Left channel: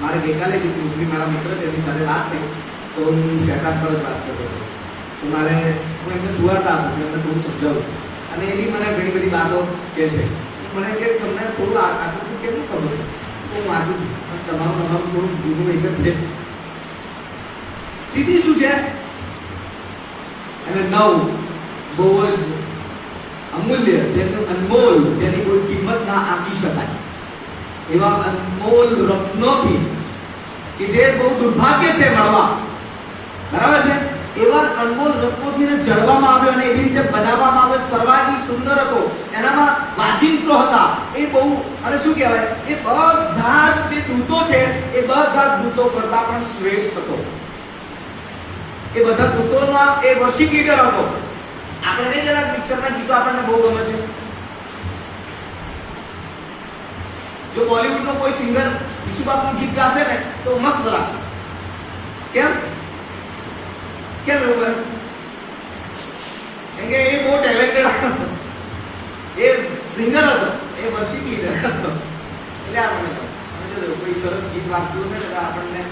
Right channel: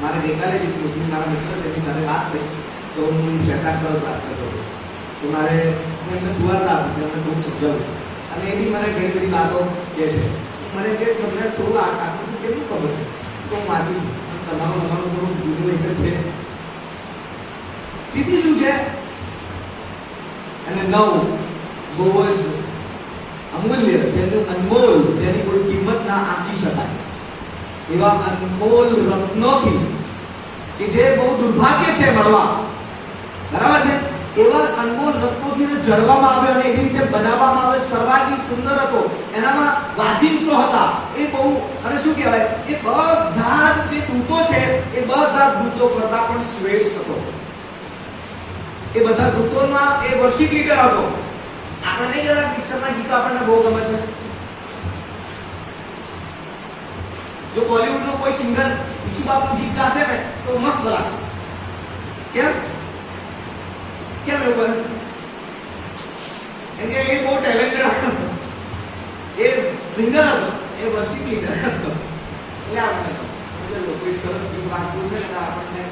મારે ગઈકાલે જ મુસ્લિમ મારા મિત્ર છે એની સાથે વાત થઈ તો હું શેતાન પર જ વાત કરતો હતો તો મારે હું એમને સુવાતા નથી એમને થોડું સમજાવું અને એ બી મને ઘણી બધી વાતો કહે છે મને કે તમને થોડું આટલું કેવું ખબર છે તો હું વાંચું છું અને તમારું થોડું જુદું એક જ છે. સ્થિતિ શું છે અને નવું બહુ જ અમૂલ્ય જેનું અનમોલ જેની કોઈ કિંમત ના આપી શકાય એવા અનમોલ રત્નોથી કે જે બહુ દુર્ભાગ્ય છે મળવા, બરાબર છે, એવા અનમોલ રત્નોથી જળવામાં આવ્યો અને એવી રીતે બનાવવામાં આવ્યો સર્વાંગી સુંદર હતો, એનામાં વાજિંત્રો હતા એ બહુ અને શું કહેવાય એ બધા જ જે દૂતો છે એ બધા દૂતો કરતા પણ શ્રેષ્ઠ હતો. એ બધા દૂતોના એ વર્શિપ લીડર હતો. આપણે નહીં જરા પિક્ચરના ગીતો આપણને બહુ ગમે છે. જો બોલિવૂડ નો કોઈ સિંગર ઈસુ બાપનું ગીત ગાશે ને તો મસ્ત લાગશે. કેમ કેમ એવું બને? કેમ કે એ બહુ ટેલેન્ટેડ હતો, એ સિંગર હતો, એ વર્શિપ લીડર હતો. એટલે આપણને કોઈ સરસ ગીત વાંચતું છે ને આપણને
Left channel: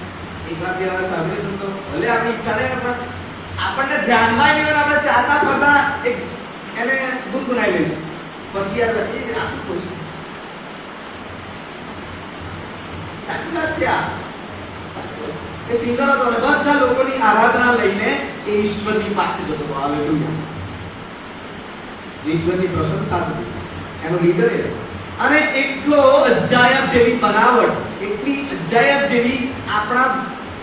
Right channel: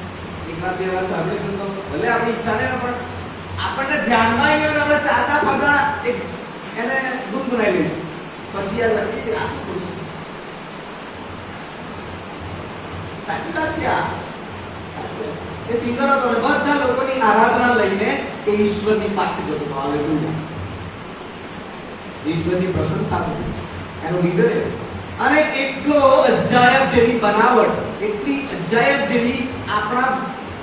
એકવાર બે વાર સાંભળીશું તો ભલે આપણી ઈચ્છા નહીં પણ આપણને ધ્યાનમાં અહીંયા આપણે ચાલતા ફરતા એક એને ગુનગુનાઈ લઈશું. પછી યાદ રાખી આ શું કરું છું. સાચી વાત છે આ. એ સિંગર હતો અને બધા લોકોની આરાધના લઈને એ ઈશ્વરની પાસે જતો. હાલેલુયા. ઈશ્વરની પ્રશંસા થતી એનો લીડર એ અને એટલો અજાયબ જેવી બનાવટ, એટલી અજાયબ જેવી આપણા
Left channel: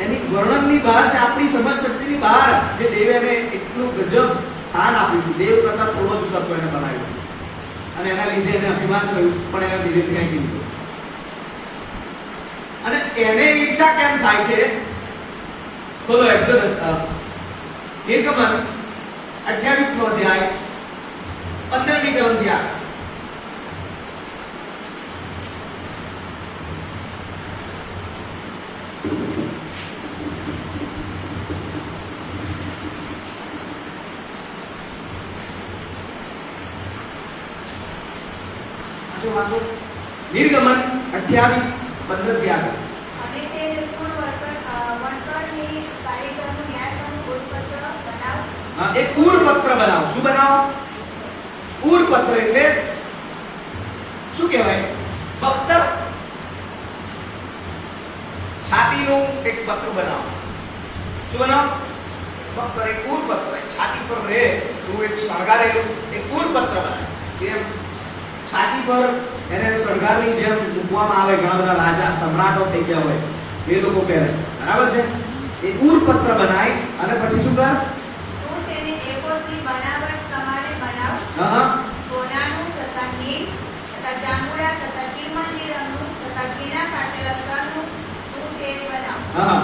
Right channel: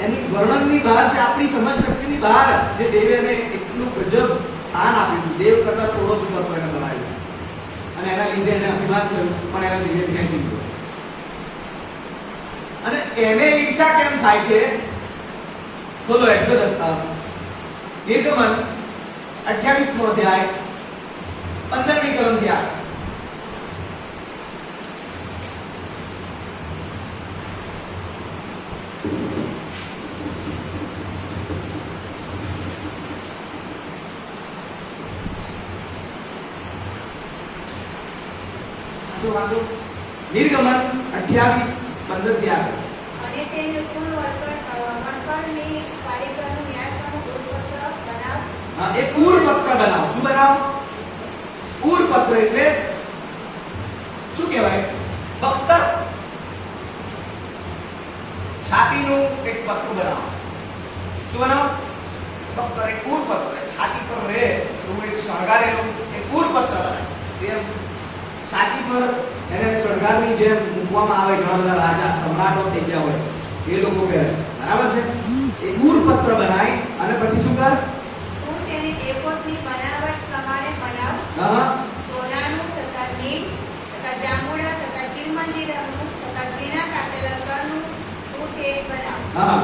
એની વર્ણનની બહાર છે, આપણી સમજ શક્તિની બહાર જે દેવે એને એટલું ગજબ સ્થાન આપ્યું. દેવ કરતા થોડો જ તત્વ એને બનાવ્યું અને એના લીધે એને અભિમાન થયું પણ એને ધીરે ફેંકી દીધું. અને એને ઈર્ષા કેમ થાય છે? બોલો એક્સોડસ નિર્ગમન 28મો અધ્યાય 15મી કલમથી આ વાંચો. નિર્ગમન 28:15 થી આગળ. અને તેને પૂર્વ વણકરની કારીગરનું ન્યાયપણું ઉરપત્ર બનાવ. હા, એક ઉરપત્ર બનાવો. શું બનાવો? ઉરપત્ર એટલે શું કહેવાય? પત્ર. છાતીનું એક પત્ર બનાવો. શું બનાવો? પત્ર, એક ઉરપત્ર. છાતી પર રહે એવું એક શણગારેલું એક ઉરપત્ર બનાવે. જેમ છાતી પર એને સરકારની જેમ મૂકવામાં આવે, ઘણા બધા રાજા સમ્રાટો થઈ ગયા હોય એ લોકો પહેરે, બરાબર છે. એ ઉરપત્ર બનાય અને પછી શું કર? તું તેને એપોદની બનાવટ પ્રમાણે બનાવ. હા, સોનાનું તથા નીલ તથા જાંબુડા તથા કિરમજી રંગનું તથા ઝીણા કાટેલા સ્તરનું તું તે બનાવ. હા,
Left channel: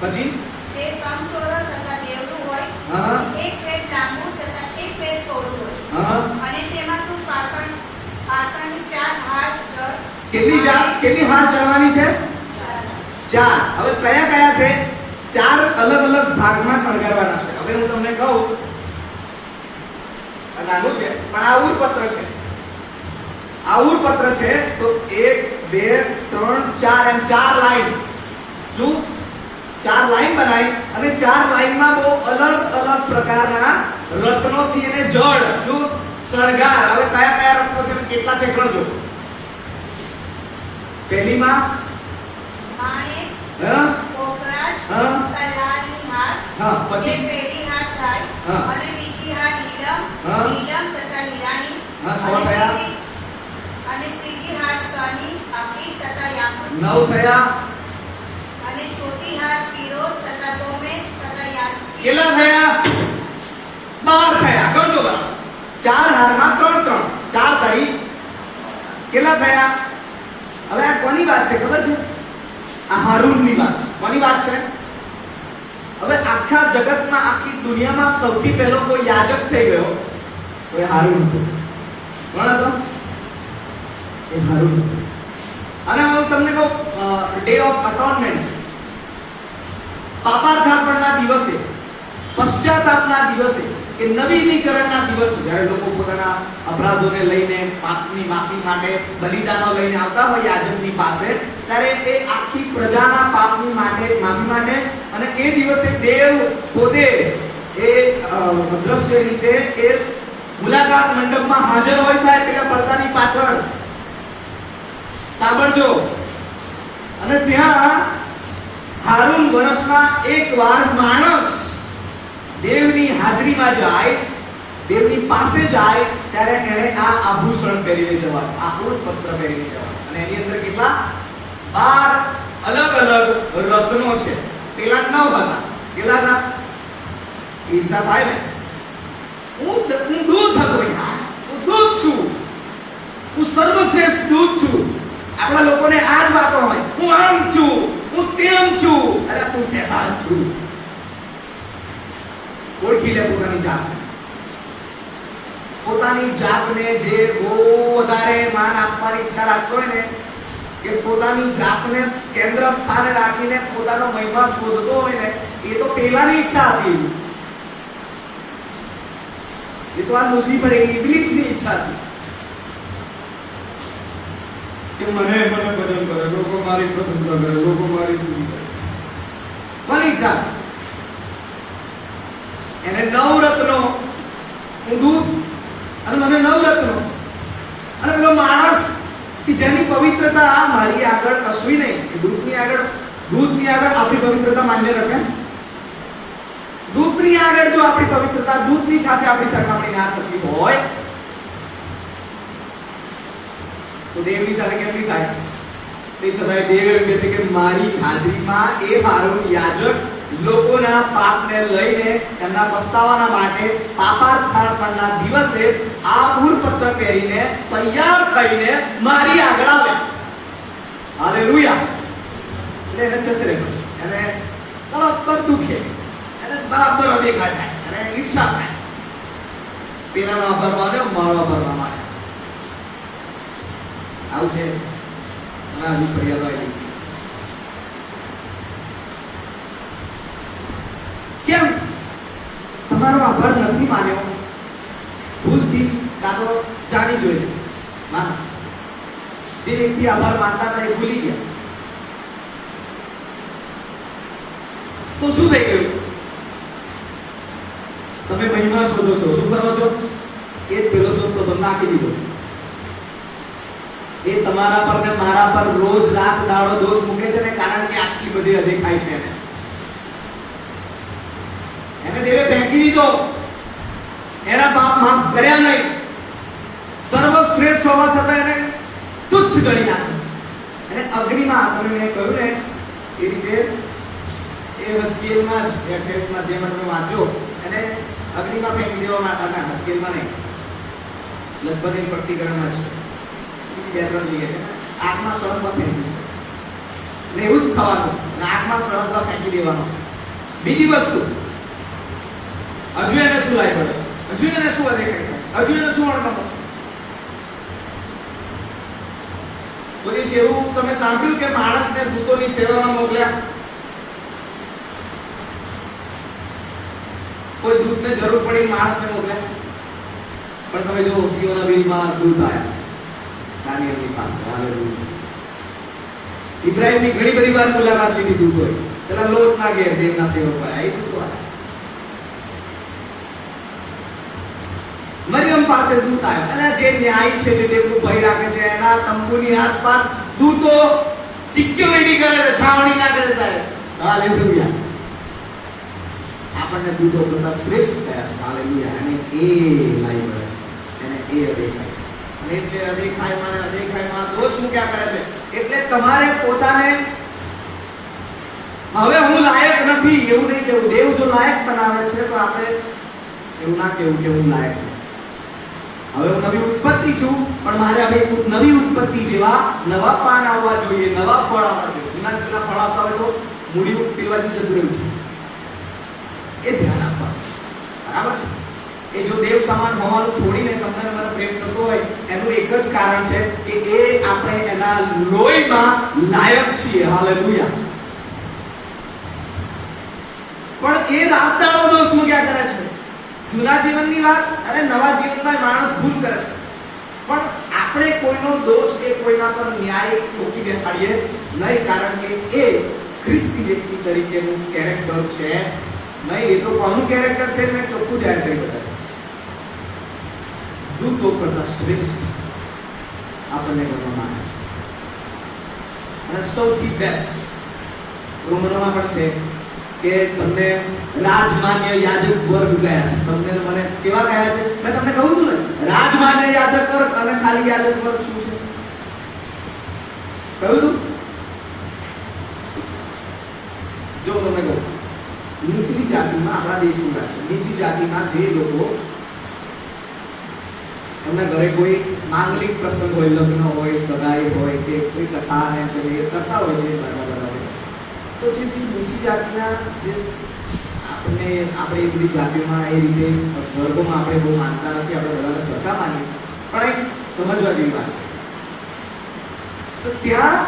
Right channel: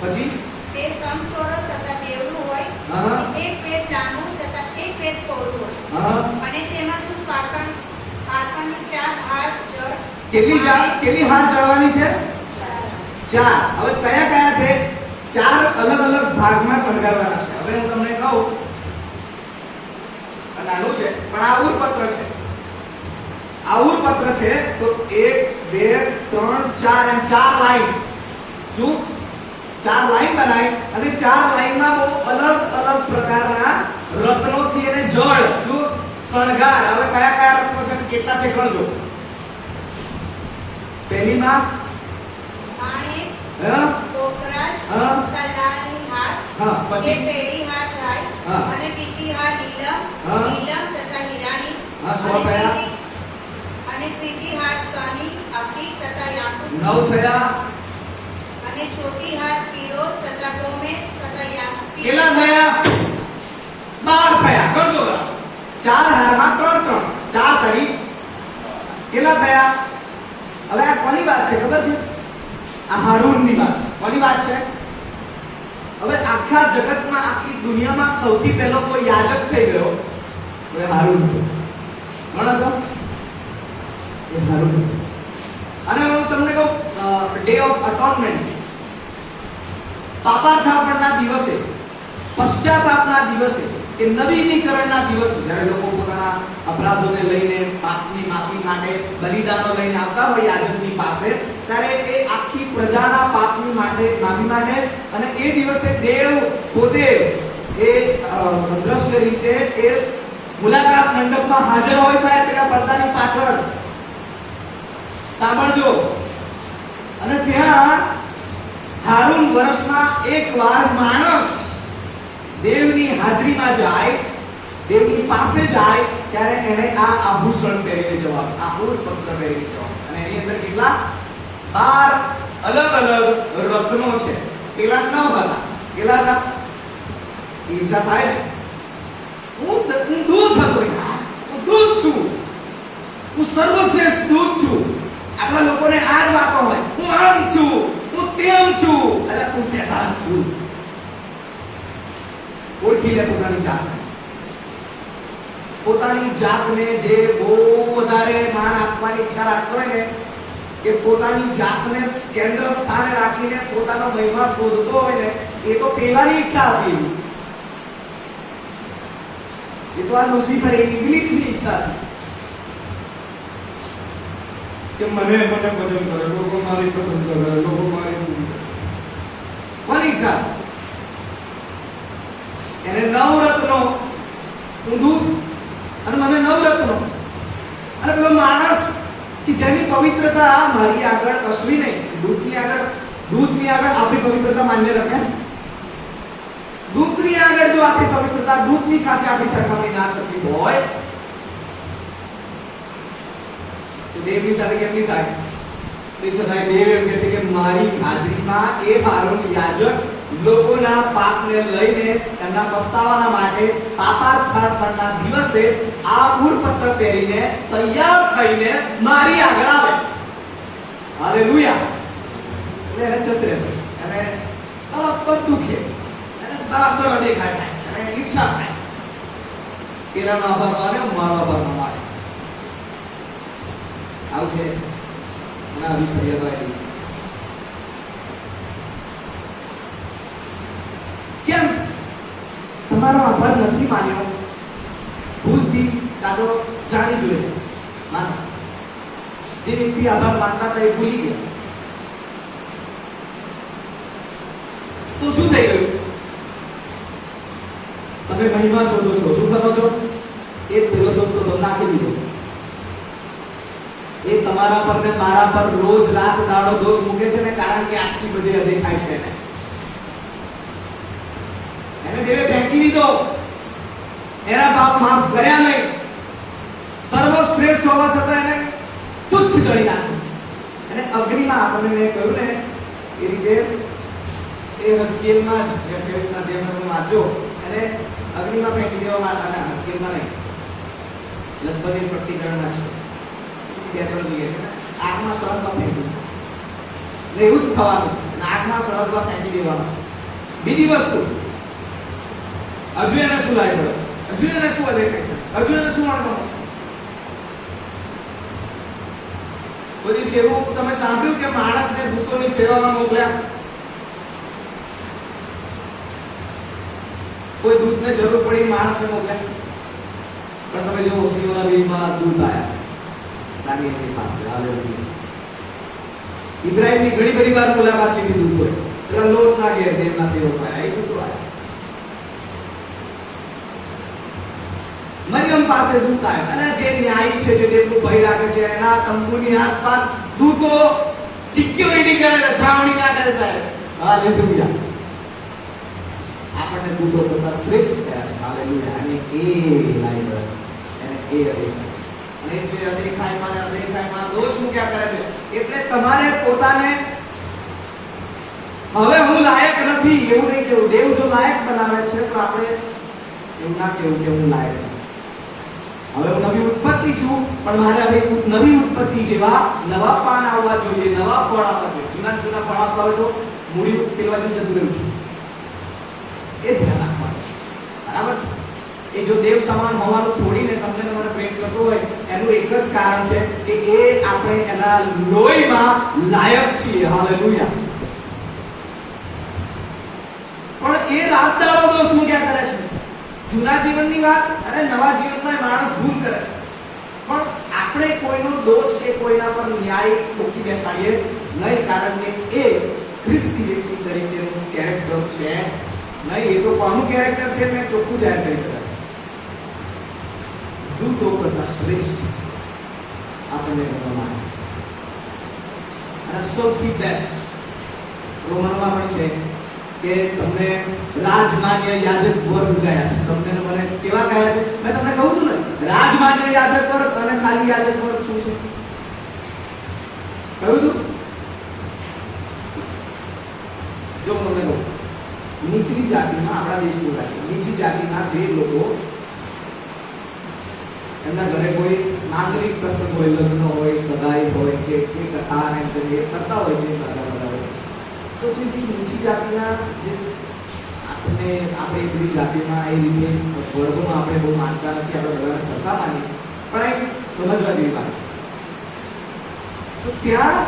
પછી તે સમચોરસ તથા બેવડું હોય. હા, એક પેટ લાંબુ તથા એક પેટ પહોળું હોય. હા. અને તેમાં તું પાસાની 4 હાથ જળ. કેટલી હાથ ચડવાની છે? 4. હવે કયા કયા છે? 4 અલગ અલગ ભાગમાં શણગારવાના છે. હવે હું તમને કહું, નાનું છે પણ આ ઉરપત્ર છે. આ ઉરપત્ર છે તો 1 2 3 4 એમ 4 લાઈન. શું? 4 લાઈન બનાવી અને 4 લાઈનમાં બહુ અલગ અલગ પ્રકારના રત્નોથી એને જળ શું શણગાર. હવે કયા કયા રત્નો છે કેટલા છે ગણજો. પહેલીમાં માણેક, હા, પોપરાશ, હા, કલાની હાર. હા, જે પછી પહેલી હાર થાય. હા. અને બીજી હાર નીલમ, હા. નીલમ તથા હીરાની. હા, છ અને થયા. અને ત્રીજી હાર સની, આખી તથા યાકૂતની. 9 થયા. અને ચોથી હાર કિરોત તથા ટોમેટ તથા યાસ્પી. કેટલા થયા? 12 થયા. ગણજો બરાબર. 4 હારમાં 3 3 4 કરી કેટલા થયા? હવે આ કોની વાત છે ખબર છે? આ હારૂનની વાત છે. કોની વાત છે? હવે આખા જગતમાં, આખી દુનિયામાં સૌથી પહેલો કોઈ યાજક થઈ ગયો એ હારૂન હતો. કોણ હતો? એ હારૂન. અને હું તમને કહું, ડે ઓફ અટોનમેન્ટ, પાપાર્પણના દિવસે, પશ્ચાતાપના દિવસે, કે નવીનીકરણના દિવસે જ્યારે લોકો પોતાના અપરાધોને લઈને પાપની માફી માટે બલિદાનો લઈને આવતા હોય યાજકની પાસે, ત્યારે એ આખી પ્રજાના પાપની માટે માફી માટે અને એ દિવસે દેવ પોતે એ દ્રશ્ય રીતે એ મુલાકાત મંડપમાં હાજર હોય સાહેબ પેલા પડદાની પાછળ. સાંભળજો. અને ત્યાં હારૂન વર્ષમાં એકવાર માણસ દેવની હાજરીમાં જાય, દેવની પાસે જાય, ત્યારે એને આ આભૂષણ પહેરીને જવાનું, આ ઉર્પત્ર પહેરીને જવાનું. અને એની અંદર કેટલા 12 અલગ અલગ રત્નો છે. પેલા 9 હતા. કેટલા હતા? ઈર્ષા થાય ને. હું દૂધ હતો યાર, હું દૂધ છું, હું સર્વશ્રેષ્ઠ દૂધ છું. આપણા લોકોને આ જ વાતો હોય, હું આમ છું, હું તેમ છું. અરે તું કેવા છું? ઓળખી લે પોતાની જાતને. પોતાની જાતને જે બહુ વધારે માન આપવાની ઈચ્છા રાખતો હોય ને, કે પોતાની જાતને કેન્દ્ર સ્થાને રાખીને પોતાનો મહિમા શોધતો હોય ને, એ તો પેલાની ઈચ્છા હતી. એ તો આ લુસીફર ઇંગ્લિશની ઈચ્છા હતી કે મને ભજન કરે, લોકો મારી પસંદ કરે, લોકો મારી સ્તુતિ કરે. કોની ઈચ્છા? એને 9 રત્નો, હું દૂધ અને મને 9 રત્નો. અને પેલો માણસ કે જેની પવિત્રતા મારી આગળ કશું નહીં, દૂધની આગળ આપણી પવિત્રતા માન્ય રાખે. દૂધની આગળ જો આપણી પવિત્રતા દૂધની સાથે આપણી સરખામણી ના થતી હોય તો દેવની સાથે કેમની થાય? તે છતાંય દેવ એમ કહે છે કે મારી હાજરીમાં એ હારૂન યાજક લોકોના પાપને લઈને એમના પસ્તાવાના માટે પાપાર્પણના દિવસે આ ઉર્પત્ર પહેરીને તૈયાર થઈને મારી આગળ આવે. હાલેલુયા. એટલે એને ચચરે પછી એને તરત જ દુખે, એને તરત દેખાય થાય અને ઈચ્છા થાય પેલાનો આભાર માને, મારો આભાર ના માને. આવું છે ઘણા અભિપ્રાય. કેમ તમારો આભાર નથી માન્યો? ભૂલથી કાં તો જાણી જોઈએ માન. જે વ્યક્તિ આભાર માનતા હતા એ ભૂલી ગયા તો શું થઈ ગયું? તમે મહિમા શોધો છો, શું કરો છો? એ જ પેલો શોધતો તો નાખી દીધો. એ તમારા પર ને મારા પર રોજ રાત દાડો દોષ મૂકે છે ને, કારણ કે આટલી બધી અદેખાય છે. એને દેવે ફેંકી દીધો, એના પાપ માફ કર્યા નહીં, સર્વશ્રેષ્ઠ હોવા છતાં એને તુચ્છ ગણી નાખ્યો. અને અગ્નિમાં તમે મેં કહ્યું ને એ રીતે એ હસ્કેલમાં જ ટેક્સ્ટમાં જે મને વાંચ્યો એને અગ્નિમાં ફેંકી દેવામાં આવ્યા. ના, હસ્કેલમાં નહીં, લગભગ એ પ્રતિકરણમાં છે. 2-3 જગ્યાએ છે. આંખમાં સળગમાં ફેંકી ને એવું જ થવાનું. આંખમાં સળગમાં ફેંકી દેવાનો. બીજી વસ્તુ, હજુ એને શું લાય પડે? હજુ એને શું અદેખાય? હજુ એને શું અણગમો? બધી એવું તમે સાંભળ્યું કે માણસને દૂતોની સેવામાં મોકલ્યા? કોઈ દૂતને જરૂર પડી માણસને મોકલ્યા? પણ તમે જો સિયોના વીરમાં દૂત આવ્યા દાનિયેલની પાસે. હાલેલુયા. ઇબ્રાહીમની ઘણી બધી વાર મુલાકાત લીધી દૂતોએ. પેલા લોટ ના ઘેર દેવના સેવકો આવ્યા, એ દૂતો આવ્યા. મરિયમ પાસે દૂત આવ્યા. અને જે ન્યાય છે, જે દેવનું ભય રાખે છે, એના તંબુની આસપાસ દૂતો સિક્યોરિટી કરે છે, છાવણી ના કરે સાહેબ. હાલેલુયા. આપણને દૂતો કરતા શ્રેષ્ઠ થયા છે. હાલેલુયા. અને એ લાઈ મળે છે, એને એ અદેખાય છે. અને જે અદેખાયમાં દોષ મૂક્યા કરે છે. એટલે તમારે પોતાને હવે હું લાયક નથી એવું નહીં કેવું. દેવ જો લાયક બનાવે છે તો આપણે એવું ના કેવું કે હું લાયક નથી. હવે હું નવી ઉત્પત્તિ છું, પણ મારે હવે નવી ઉત્પત્તિ જેવા નવા પાન આવવા જોઈએ, નવા ફળ આવવા જોઈએ. જૂના ફળ આવતા હોય તો મૂડી પેલા જતું રહ્યું છે, એ ધ્યાન આપવાનું. બરાબર છે? એ જો દેવ સમાન હોવાનું છોડીને તમને મને પ્રેમ કરતો હોય એનું એક જ કારણ છે કે એ આપણે એના લોહીમાં લાયક છીએ. હાલેલુયા. પણ એ રાત દાડો દોષ મૂક્યા કરે છે. જૂના જીવનની વાત અને નવા જીવનમાં માણસ ભૂલ કરે છે. પણ આપણે કોઈનો દોષ કે કોઈના પર ન્યાય ઠોકી બેસાડીએ નહીં, કારણ કે એ ખ્રિસ્તી વ્યક્તિ તરીકેનું કેરેક્ટર છે નહીં. એ તો કોનું કેરેક્ટર છે મેં ચોખ્ખું જાહેર કરી શકાય. દૂતો કરતા શ્રેષ્ઠ આપણને ગણવામાં આવે છે. અને સૌથી બેસ્ટ રોમનમાં પણ છે કે તમને રાજમાન્ય યાજક વર્ગ ગયા છે. તમને મને કેવા ગયા છે? મેં તમને કહું છું ને, રાજમાન્ય યાજક વર્ગ અને ખાલી યાજક વર્ગ શું છે કહ્યું તું? જો તમને કહું, નીચલી જાતિમાં, આપણા દેશનું રાજ્ય, નીચલી જાતિના જે લોકો એમના ઘરે કોઈ માંગલિક પ્રસંગ હોય, લગ્ન હોય, સગાઈ હોય કે કોઈ કથા ને એ કરતા હોય છે બધા, તો જે નીચી જાતિના જે આપણે એ બધી જાતિમાં એ રીતે વર્ગોમાં આપણે બહુ માનતા નથી, આપણે બધાને સરખા માનીએ, પણ એક સમજવા જેવી વાત છે. તો ત્યાં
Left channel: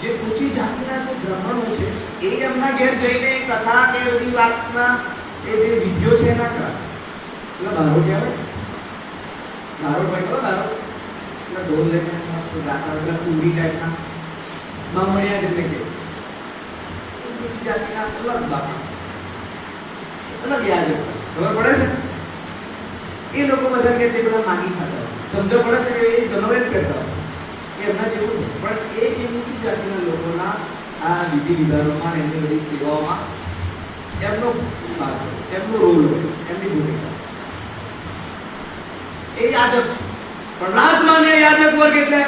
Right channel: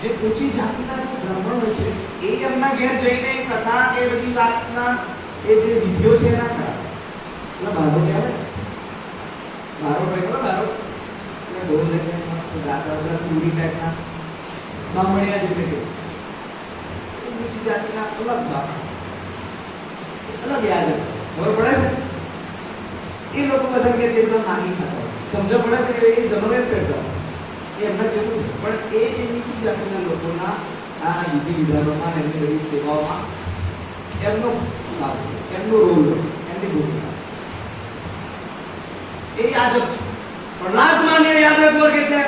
જે ઊંચી જાતિના જે બ્રાહ્મણો છે એ એમના ઘેર જઈને કથા કે બધી વાતના એ જે વિધિઓ છે એના કરા એટલે બારો કહેવાય, બારો ભાઈ કહો બારો, એટલે ઢોલ લઈને મસ્ત ગાતા એટલે પૂરી ટાઈપના બામણિયા જેટલે કે નીચી જાતિના અલગ બાપા, અલગ યાદ ખબર પડે છે. એ લોકો બધા કે જે બધા માગી ખાતા હોય, સમજ પડે છે કે એ જનવેદ કરતા હોય, એ એમના જેવું નહીં. પણ એ જે નીચી જાતિના લોકોના આ વિધિ વિધાનોમાં, એમની બધી સેવાઓમાં એમનો ભાગ, એમનો રોલ, એમની ભૂમિકા એ યાજક છે. પણ રાજમાન્ય યાજક વર્ગ એટલે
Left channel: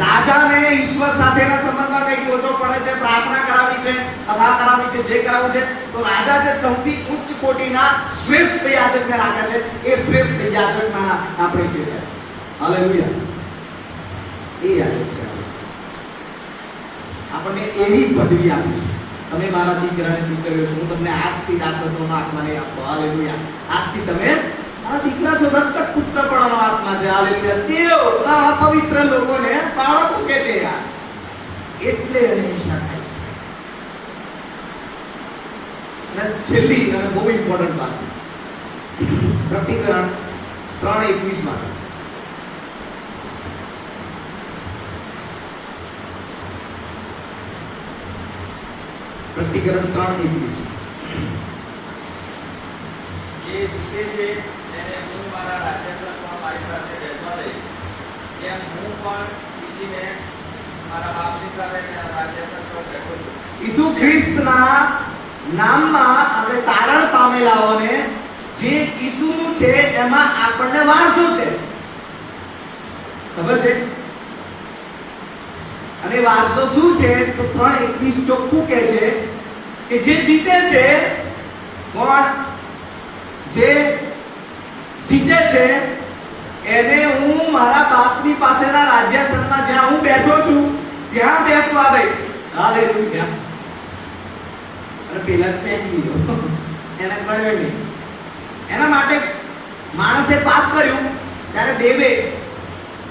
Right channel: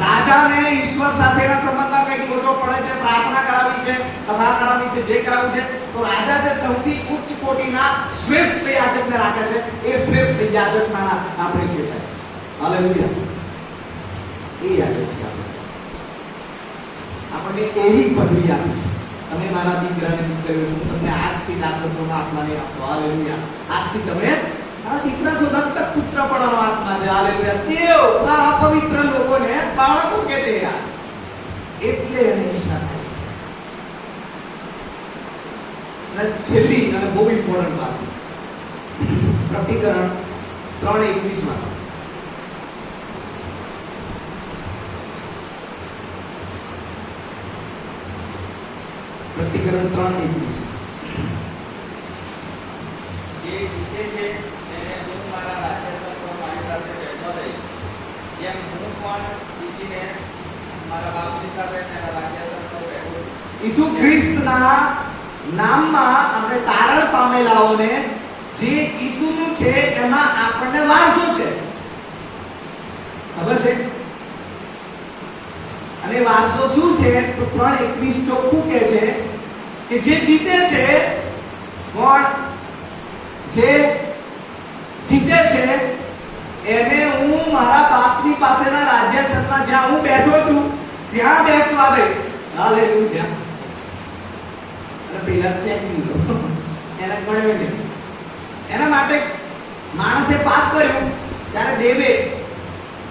રાજાને ઈશ્વર સાથેના સંબંધમાં કઈક વધો પડે છે, પ્રાર્થના કરાવી છે, કથા કરાવી છે, જે કરાવું છે, તો રાજા જે સૌથી ઉચ્ચ કોટીના શ્રેષ્ઠ યાજકને રાખે છે, એ શ્રેષ્ઠ યાજકના આપણે છે સાહેબ. હાલેલુયા. એ યાજક છે આપણને એવી પદવી આપી છે, તમે મારા દીકરાને દીકરીઓ છો, હું તમને આજથી દાસત્વનો આત્મા નહીં આપતો. હાલેલુયા. આજથી તમે આ દીકરા છો, દત્તક પુત્ર પણ આત્મા છે. હાલેલુયા. તેઓ આ પવિત્ર લોકોને બાળકો કહે છે યાર, એટલે એને ઈચ્છા થાય છે. અને છેલ્લી અને બહુ ઇમ્પોર્ટન્ટ વાત, પ્રકટીકરણ 3:21 માં પ્રકટીકરણ 3:21 એ જીતે છે તેને હું મારા રાજ્યસરમાં મારી સાથે બેસવા દઈશ, જેમ હું પણ જીતીને મારા બાપની સાથે તેના રાજ્યસર પર બેઠો છું. ઈસુ ખ્રિસ્તના નામમાં આપણે તારણ પામેલાઓને જે ઈસુનું છે એમાં આપણને વારસો છે, ખબર છે? અને વારસો શું છે? તો 3:21 ચોખ્ખું કહે છે કે જે જીતે છે, કોણ જે જીતે છે એને હું મારા બાપની પાસેના રાજ્યસરમાં જ્યાં હું બેઠો છું ત્યાં બેસવા દઈશ. હાલેલુયા. અને પેલા ત્યાં લીધો એને મળ્યો નહીં. એના માટે માણસે પાપ કર્યું ત્યારે દેવે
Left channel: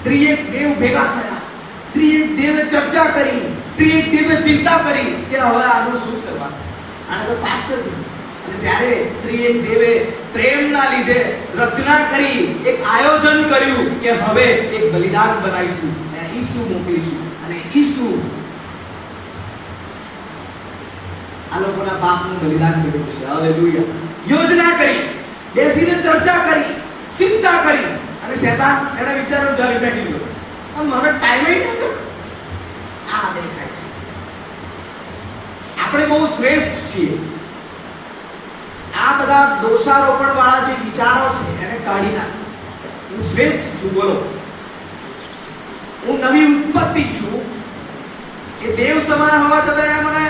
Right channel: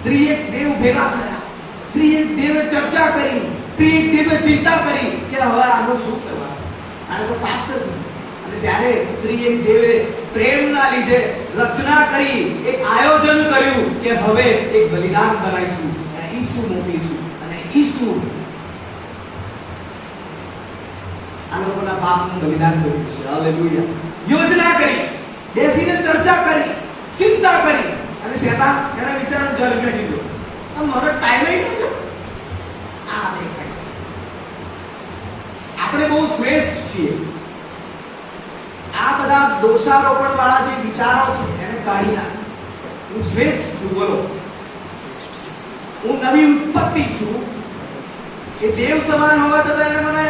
ત્રિએક દેવ ભેગા થયા, ત્રિએક દેવે ચર્ચા કરી, ત્રિએક દેવે ચિંતા કરી કે હવે આનું શું કરવાનું, આને તો પાપ કર્યું. અને ત્યારે ત્રિએક દેવે પ્રેમના લીધે રચના કરી, એક આયોજન કર્યું કે હવે એક બલિદાન બનાવીશું, ઈસુ મોકલીશું, અને ઈસુ આ લોકોના પાપનું બલિદાન કર્યું છે. હાલેલુયા. યોજના કરી, બેસીને ચર્ચા કરી, ચિંતા કરી, અને શેતાન એને વિચારો જરીને કીધું મારો ટાઈમ નહીં થયો. આ દેખાય છે આપણે બહુ શ્રેષ્ઠ છીએ. આ બધા દોષારોપણ વાળા જે વિચારો છે એને કાઢી નાખ. હું શ્રેષ્ઠ છું, બોલો. હું નવી ઉત્પત્તિ છું. એ દેવ સમાન હોવા છતાં એને મને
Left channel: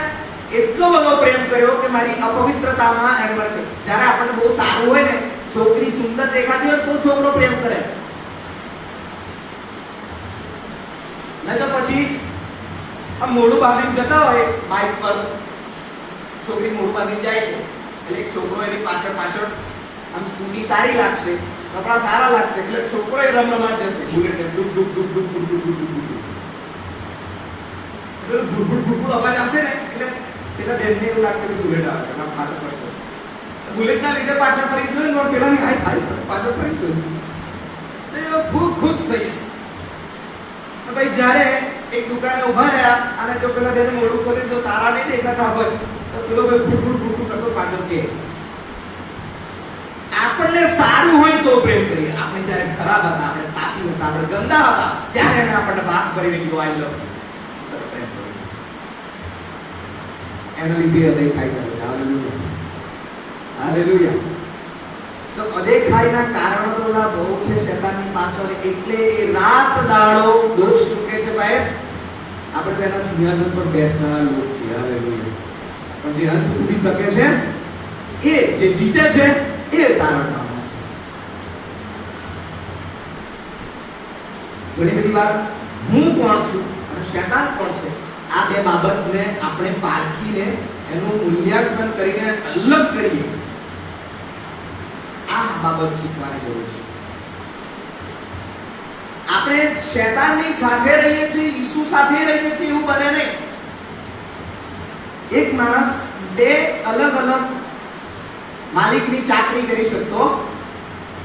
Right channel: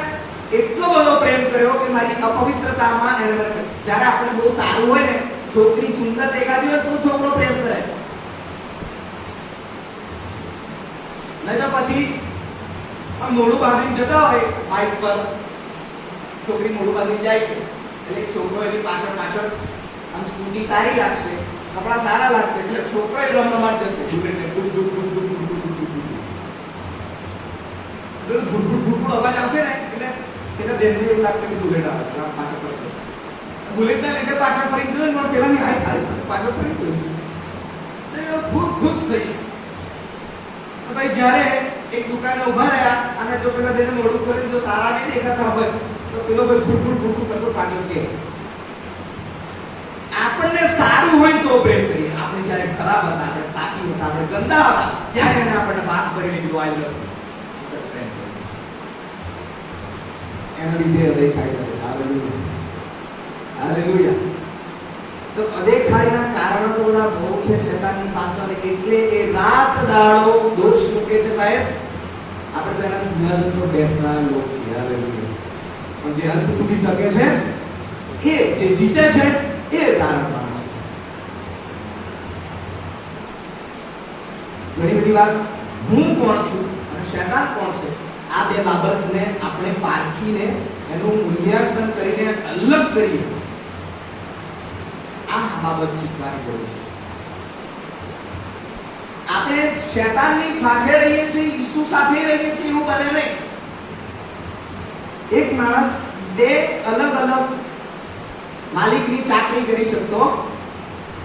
એટલો બધો પ્રેમ કર્યો કે મારી અપવિત્રતામાં એને મને, જ્યારે આપણને બહુ સારું હોય ને, છોકરી સુંદર દેખાતી હોય તો છોકરો પ્રેમ કરે, નહીં તો પછી આમ મોઢું બાંધીને જતા હોય બાઇક પર, છોકરી મોઢું બાંધીને જાય છે એટલે છોકરો એની પાછળ પાછળ આમ સ્કૂટી સારી લાગશે, કપડા સારા લાગશે એટલે છોકરો એ રમવા જશે, બુલેટ ડુક ડુક ડુક ડુક ડુક ડુક ડુક ડુક ડુક ગુડગુડ ગુડગુડ અવાજ આવશે ને એટલે પેલા બેનને એવું લાગશે કે બુલેટ આવે, પાછળ ફરી બુલેટના લીધે પાછળ ફરી જોયું, પેલાની હાય પાછળ ફરી જોયું. તો ખૂબ ખુશ થઈ જશે. ભાઈ જ્યારે એક દુકાને ઉભા રહ્યા અને જો પેલા બેને મોડું કર્યું, જો સારા નહીં દેખાતા હોય તો પેલો ભાઈ ફૂટ કરતો પાછળ કે આપણને સારું હોય તો પ્રેમ કરીએ. આપણે જ્યારે ખરાબ હતા, આપણે પાપી હતા, આપણે ગંદા હતા, ત્યારે એને આપણને વાત કરીને કીધું આઈ લવ યુ, પ્રેમ કર્યો. એના લીધે અદેખાઈ થાય છે. Hallelujah, hallelujah. તો અદેખાઈના કારણો તો બધા બહુ છે શેતાનની પાછળ. એટલે એ રાત દાડો દોષ મૂકે છે સાહેબ. આપણે તેના સિંહાસન પર બેસનારા લોકો છીએ. હાલેલુયા. પણ જે અંત સુધી ટકે છે, એ જે જીતે છે, એ તારણદાર છે. ઘણી બધી વાર હું કોણ છું અને શેતાન કોણ છે, આ બે બાબતને આપણે પારખીને એનું મૂલ્યાંકન કરીને અલગ કરીએ. આ બાબત શીખવાની જરૂર છે. આપણે શેતાનની સાથે રહીએ છીએ, ઈસુ સાથે રહીએ છીએ એવું બને નહીં. એક માણસ બે અલગ અલગ માલિકની ચાકરી કરી શકતો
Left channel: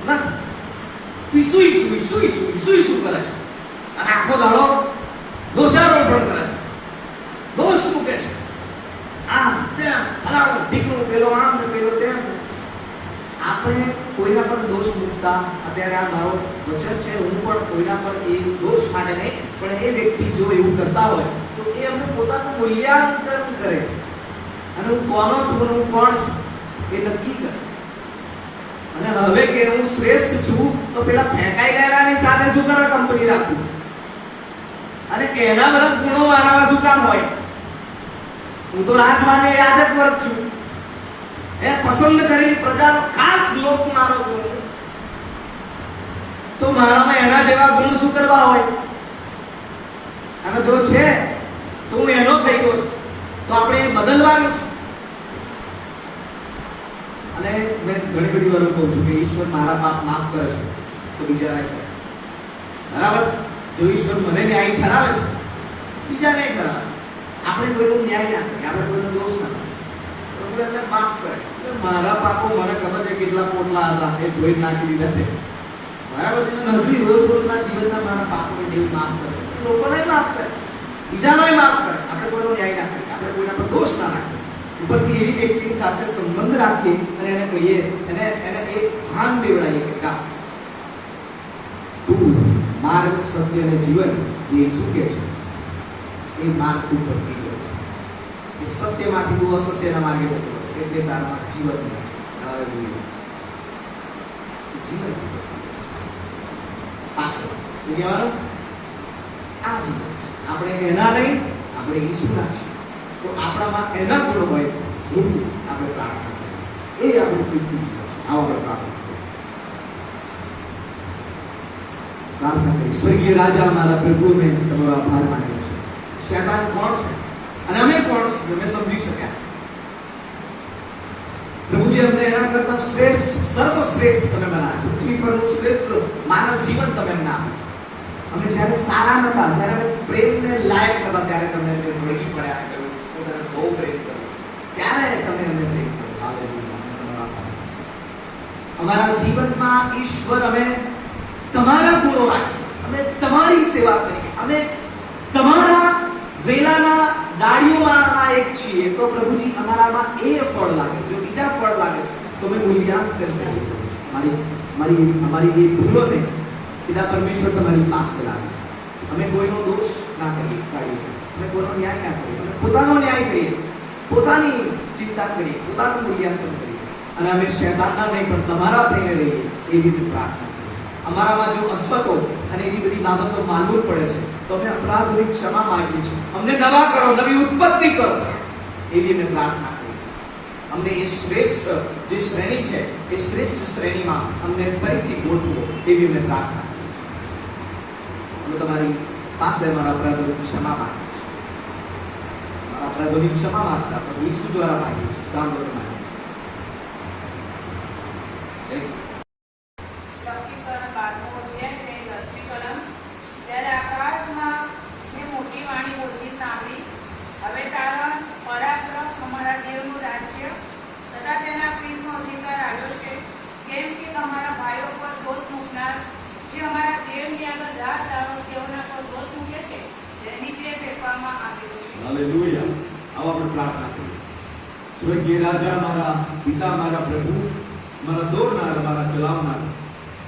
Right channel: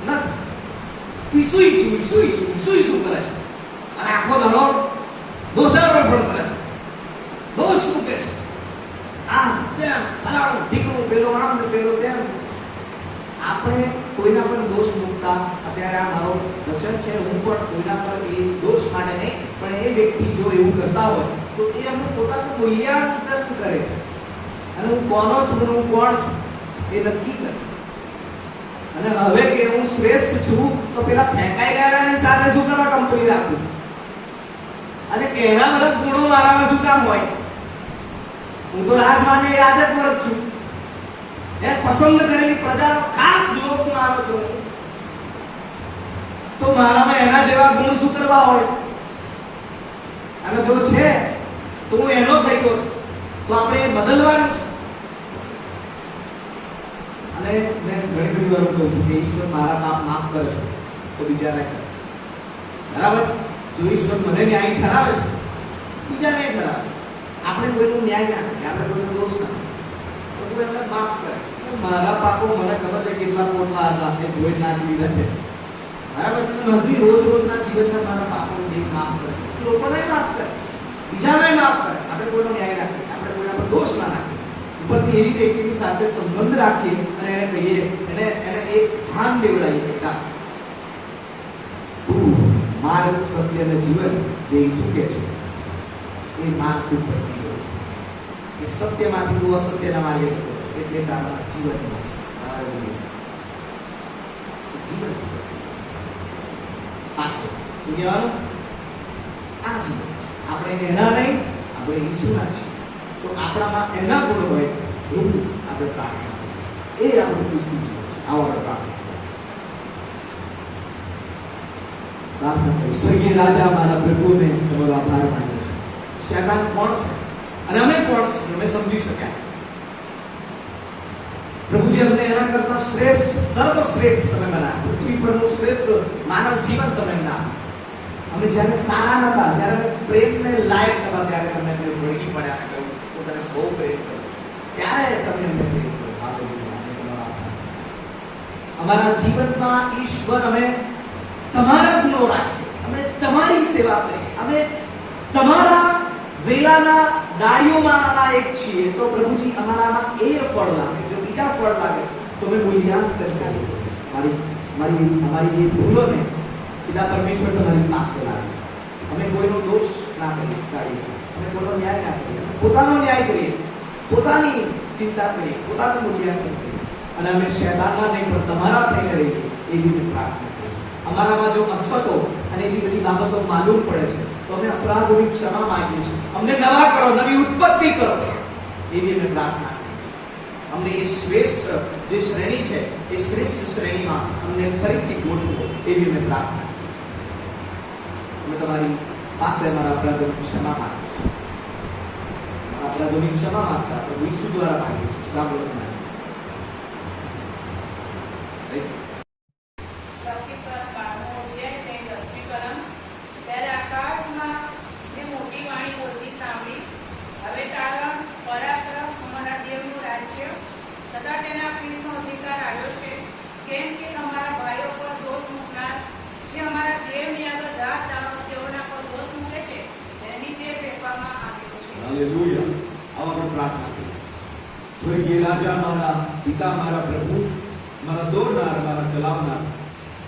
નથી. ઈસુ ઈસુ ઈસુ ઈસુ ઈસુ ઈસુ કરે છે અને આખો દાડો દોષારોપણ કરે છે, દોષ મૂકે છે. આમ તેમ હલાડો ઢીકણું, પેલો આમ ને પેલો તેમ. આપણે કોઈના પર દોષ મૂકતા, અત્યારે આ મારો વચન છે, હું પણ કોઈના પર એ દોષ માટે નહીં, પણ એ વ્યક્તિ જો એવું કરતા હોય તો એ એમનું પોતાનું મૂલ્યાંકન કરે અને હું કોનો છું અને હું કોણ છું એ નક્કી કરે. અને હવે કે હું શ્રેષ્ઠ છું તો પેલા ફેંકાઈ ગયેલાની સાથે શું કરે કંપની રાખું, અને કે એના બધા ગુણો મારામાં શું કામ હોય? હું તો રાજમાની રાજક વર્ગ છું, એ પસંદ કરેલી પ્રજાનો ખાસ લોક માનો છું, તો મારામાં એના જેવા ગુણ શું કરવા હોય? અને જો છે તો હું એનો થઈ ગયો છું, તો આપણે એ બદલવાનું છે. અને મેં ઘણી બધી વાર કહું છું કે ઈશ્વર મારા પાપ માફ કરે છે તો બીજા નહીં કરે. બરાબર? જો ઈશ્વર મને ન્યાય ઠરાવે છે, બીજા નહીં ઠરાવે. આપણે કોઈનો ન્યાય ના કરીએ, આપણે કોઈનો દોષ ના કરીએ, તો કોઈ એમને માફ કરે. મારા પાપો મને ખબર છે કેટલા પોટલા હતા, એ ધોઈ નાખી દીધા છે. બરાબર? હજુ રોજ રોજના જીવનના મારા પાપોને દેવ માફ કરે, લોકોને માફ કરે, બીજાને માફ કરે. આપણે કોઈનો ન્યાય ના કરીએ, આપણે કોઈના પર દોષ ના નાખીએ. ઉપરથી એવી વ્યક્તિની સાથે સંબંધ રાખીએ અને એને કહીએ, એને એક ભાન દેવડાવીએ કે તું માર્ગ, સત્ય અને જીવન જે ઈસુ કહે છે એ માર્ગ તું ભટકી ગયો છે. એ સત્યમાંથી તું અસત્યના માર્ગે જતો, એટલે તારામાં જીવન નથી. જીવન પાછળ શું કહેવાનું? આ જીવન આપણે એના નહીં, આપણે ઈસુના છીએ. તો આપણામાં એના ગુણ હોય એવું આપણે પ્રાર્થના કરીએ. એ આપણું ક્રિસ્તી જીવન છે. આવો આપણે પ્રાર્થના કરીએ. સ્વર્ગીય રાજા, મારા પ્રભુ, મેં તમારો આભાર માન્યો છે. શેતાન કોણ છે અને અમે કોણ છીએ અમે સમજી શક્યા. પ્રભુજી, અમને એના કરતા શ્રેષ્ઠ, સર્વશ્રેષ્ઠ તમે બનાવ્યા. પૃથ્વી પરનું શ્રેષ્ઠ માનવ જીવન તમે અમને આપ્યું. અમે જ્યારે સારા નતા, જ્યારે અમે પ્રેમને લાયક હતા, ત્યારે તમે વળગી પડ્યા, પોતાને બહુ પ્રેમ કર્યો, ત્યારે તમે અમને પ્રેમ કર્યો. અમારા જીવનમાં ઈશ્વર અમે તમારા ગુણો રાખીએ, અમે તમારી સેવા કરીએ, અમે તમારા વેલાના ડાળીઓમાંના એક છીએ. તો પ્રભુજી, અમારામાં એ ફળ લાગે. જો બીજા ફળ લાગે તો અમે મૂલ્યાંકન કરીએ. અમારી એ ભૂલોને પિતા પરમેશ્વર તમારી પાસે લાગે. અમે કોઈનો દોષ ના કરીએ, અમે કોઈનો ન્યાય ના કરીએ, અમે પોતાનો ન્યાય કરીએ, પોતાની ચિંતા કરીએ, પોતાનું મૂલ્યાંકન કરીએ, અને અમે શેતાનના નહીં પણ તમારા થઈને રહીએ, એવી રીતે પ્રાર્થના કરીએ. અમારામાં જો અછતો અને એવી બધી બાબતો માલુમ પડે છે તો અમે અપરાધોની ક્ષમા માંગીએ છીએ. અમને નવા કરો, નવી ઉત્પત્તિ કરો, એવી અમે પ્રાર્થના કરીએ છીએ. અમને એ શ્રેષ્ઠ જે શ્રેણી છે એ શ્રેષ્ઠ શ્રેણીમાં અમને ફરીથી ગોઠવો, એવી અમે પ્રાર્થના કરીએ. અમે તમારી પાસે અમારા અપરાધોની ક્ષમા માંગીએ છીએ. અપરાધોની ક્ષમા માંગતા પ્રભુ ઈસુ દ્વારા માંગીએ છીએ. સાંભળો તમારે જે અમારા આપણે પ્રાર્થના કરીએ. સ્વર્ગીય રાજા, મારા પિતા, મારા પ્રભુ, મારા દોરનાર, મારા ચલાવનાર,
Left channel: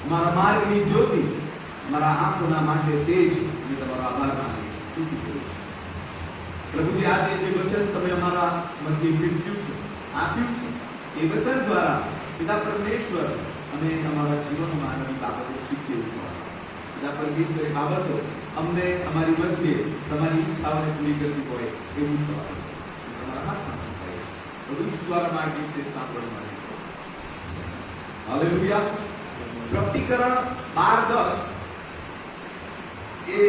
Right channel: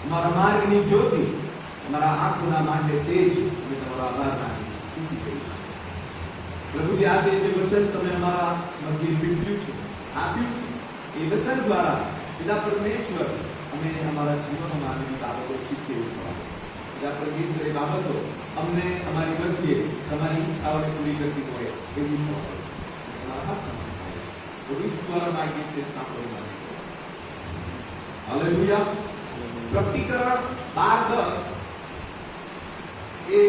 અમારા માર્ગની જ્યોતિ, અમારા આંખોના માટે તેજ, અને તમારો આભાર માનું સ્તુતિ કરું છું. પ્રભુજી, આજે જે વચન તમે અમારા મધ્ય પીરસ્યું છે, આપ્યું છે, એ વચન દ્વારા પિતા પરમેશ્વર અને અમારા જીવનમાં આનંદ બાબતો શીખીએ છીએ. પિતા પરમેશ્વર એ બાબતો અમને અમારી મધ્યે તમારી ઈચ્છાઓને પૂરી કરતી હોય એવું થવા તમારા હાથમાં થાય. પ્રભુ દ્વારા માગીએ છીએ, સાંભળવા માટે. હાલેલુયા. પ્રકટીકરણ 12:10 એ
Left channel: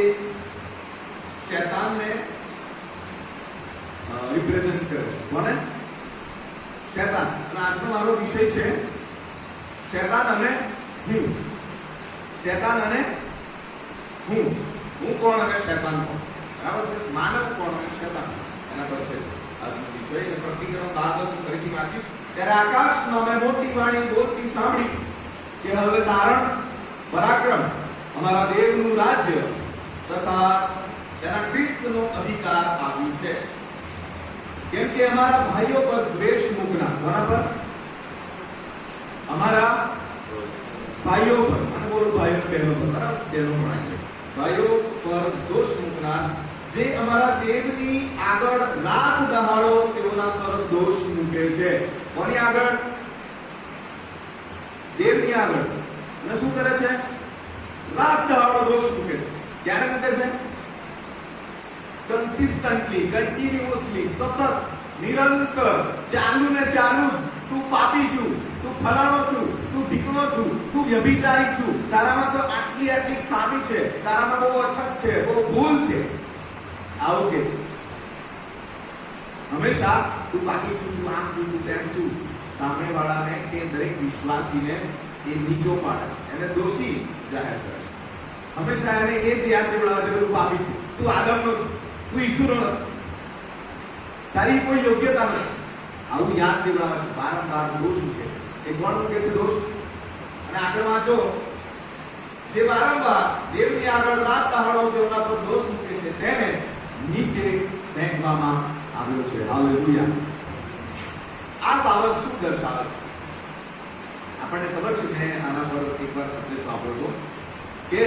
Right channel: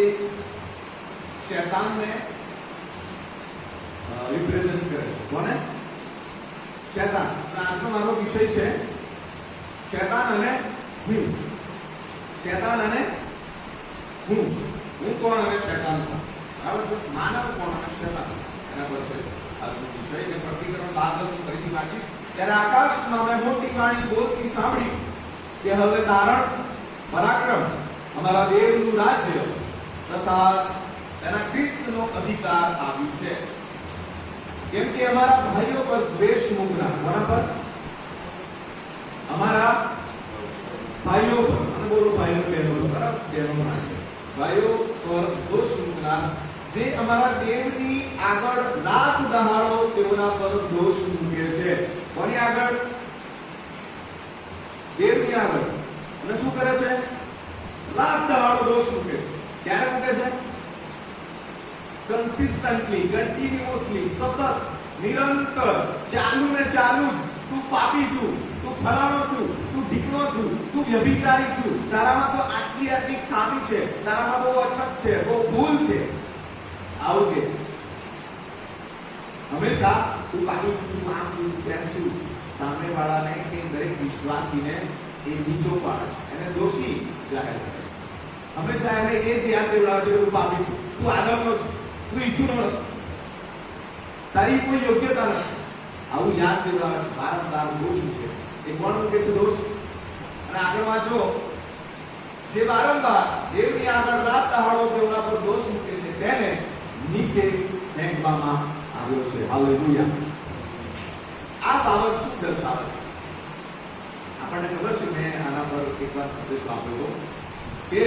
શૈતાનને રિપ્રેઝન્ટ કરે છે. કોને? શૈતાન. અને આજનો મારો વિષય છે શૈતાન અને હું. શૈતાન અને હું. હું કોણ અને શૈતાન કોણ? બરાબર છે. માનવ કોણ અને શૈતાન, એના પર છે આજનો વિષય. એટલે પ્રકટીકરણ 12:10 ફરીથી વાંચીશ. ત્યારે આકાશમાં મેં મોટી વાણી બોલતી સાંભળી કે હવે તારણ, પરાક્રમ, અમારા દેવનું રાજ્ય તથા તેના ખ્રિસ્તનો અધિકાર આવ્યું છે. કેમ કે અમારા ભાઈઓ પર દ્વેષ મૂકનાર, બરાબર, અમારા ભાઈઓ પર, અને બોલો ભાઈઓ પહેલો, બરાબર, પહેલો ભાઈ છે, ભાઈઓ પર દોષ મૂકનાર, જે અમારા દેવની આગળ રાત દહાડો તેઓના પર દોષ મૂકે છે. કોની આગળ? દેવની આગળ. અને શું કરે છે? રાત દહાડો દોષ મૂકે. ક્યારે મૂકે છે? કન્સિસ્ટન્ટલી, કન્ટિન્યુઅસલી, સતત, નિરંતર, ચાલુ ને ચાલુ. તું પાપી છું, તું ફલાણો છું, તું ઢીકણો છું, તું વ્યભિચારી છું, તારામાં તો આટલી આટલી ખામી છે, તારામાં બહુ અછત છે, બહુ ભૂલ છે. આવું કે છે હંમેશા. તું પાપી છું, તું આમ છું, તેમ છું. સામે વાળાને કે દરેક વિશ્વાસીને એ નીચો પાડે, એને દોષી જાહેર કરે. હંમેશા એને એ જ યાદ દેવડાવે છે કે તું પાપી છું, તું આદમનો છું, તું ઈસુનો નથી, તારી કોઈ યોગ્યતા નથી. આવું યાદ દેવડાવે છે વારંવાર. દોષ મૂકે. એ કોણ મૂકે છે દોષ? અને આગળ વાંચો, જે વારંવાર દેવની આગળ રાત દહાડો તેઓના પર દોષ મૂકે છે તેને નીચે ફેંકવામાં આવ્યો છે. હાલેલુયા. આ બાબત શું દર્શાવે છે? આપણને ખબર છે, મેં આના પર એકવાર સંદેશ વાપર્યો કે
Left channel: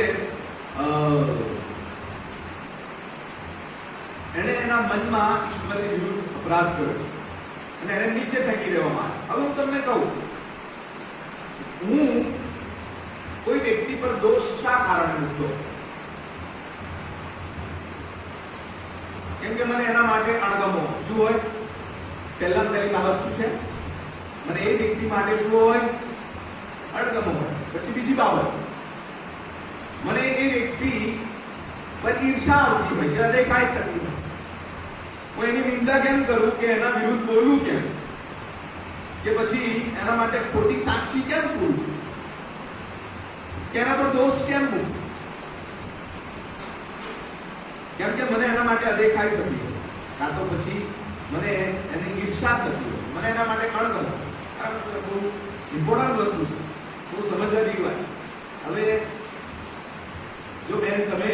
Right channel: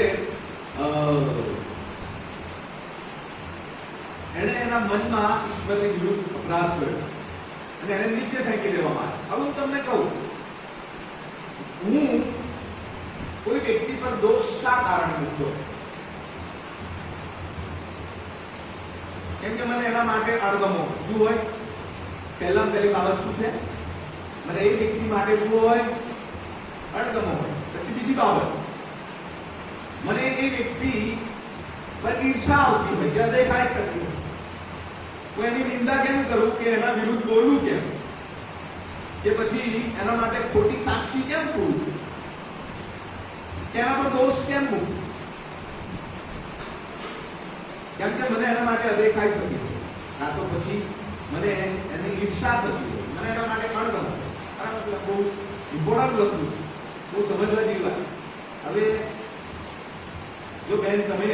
એને એના મનમાં ઈશ્વરની વિરુદ્ધ અપરાધ કર્યો અને એને નીચે ફેંકી દેવામાં આવ્યો. હવે હું તમને કહું, હું કોઈ વ્યક્તિ પર દોષ શા કારણે મૂકતો? કેમ કે મને એના માટે અણગમો શું હોય? પહેલા પહેલી બાબત શું છે? મને એ વ્યક્તિ માટે શું હોય? અણગમો હોય. પછી બીજી બાબત, મને એ વ્યક્તિ પર ઈર્ષા આવતી હોય, કે દેખાય થતી હોય. હું એની નિંદા કેમ કરું? કે એના વિરુદ્ધ બોલું કેમ? કે પછી એના માટે ખોટી સાક્ષી કેમ પૂરું? કે એના પર દોષ કેમ મૂકું? કેમ કે મને એના માટે અદેખાઈ થતી હોય, કાં તો પછી મને એની ઈર્ષા થતી હોય, મને એના માટે અણગમો. આ બહુ ઇમ્પોર્ટન્ટ વસ્તુ છે, બહુ સમજવા જેવી વાત. હવે જો બેન તમે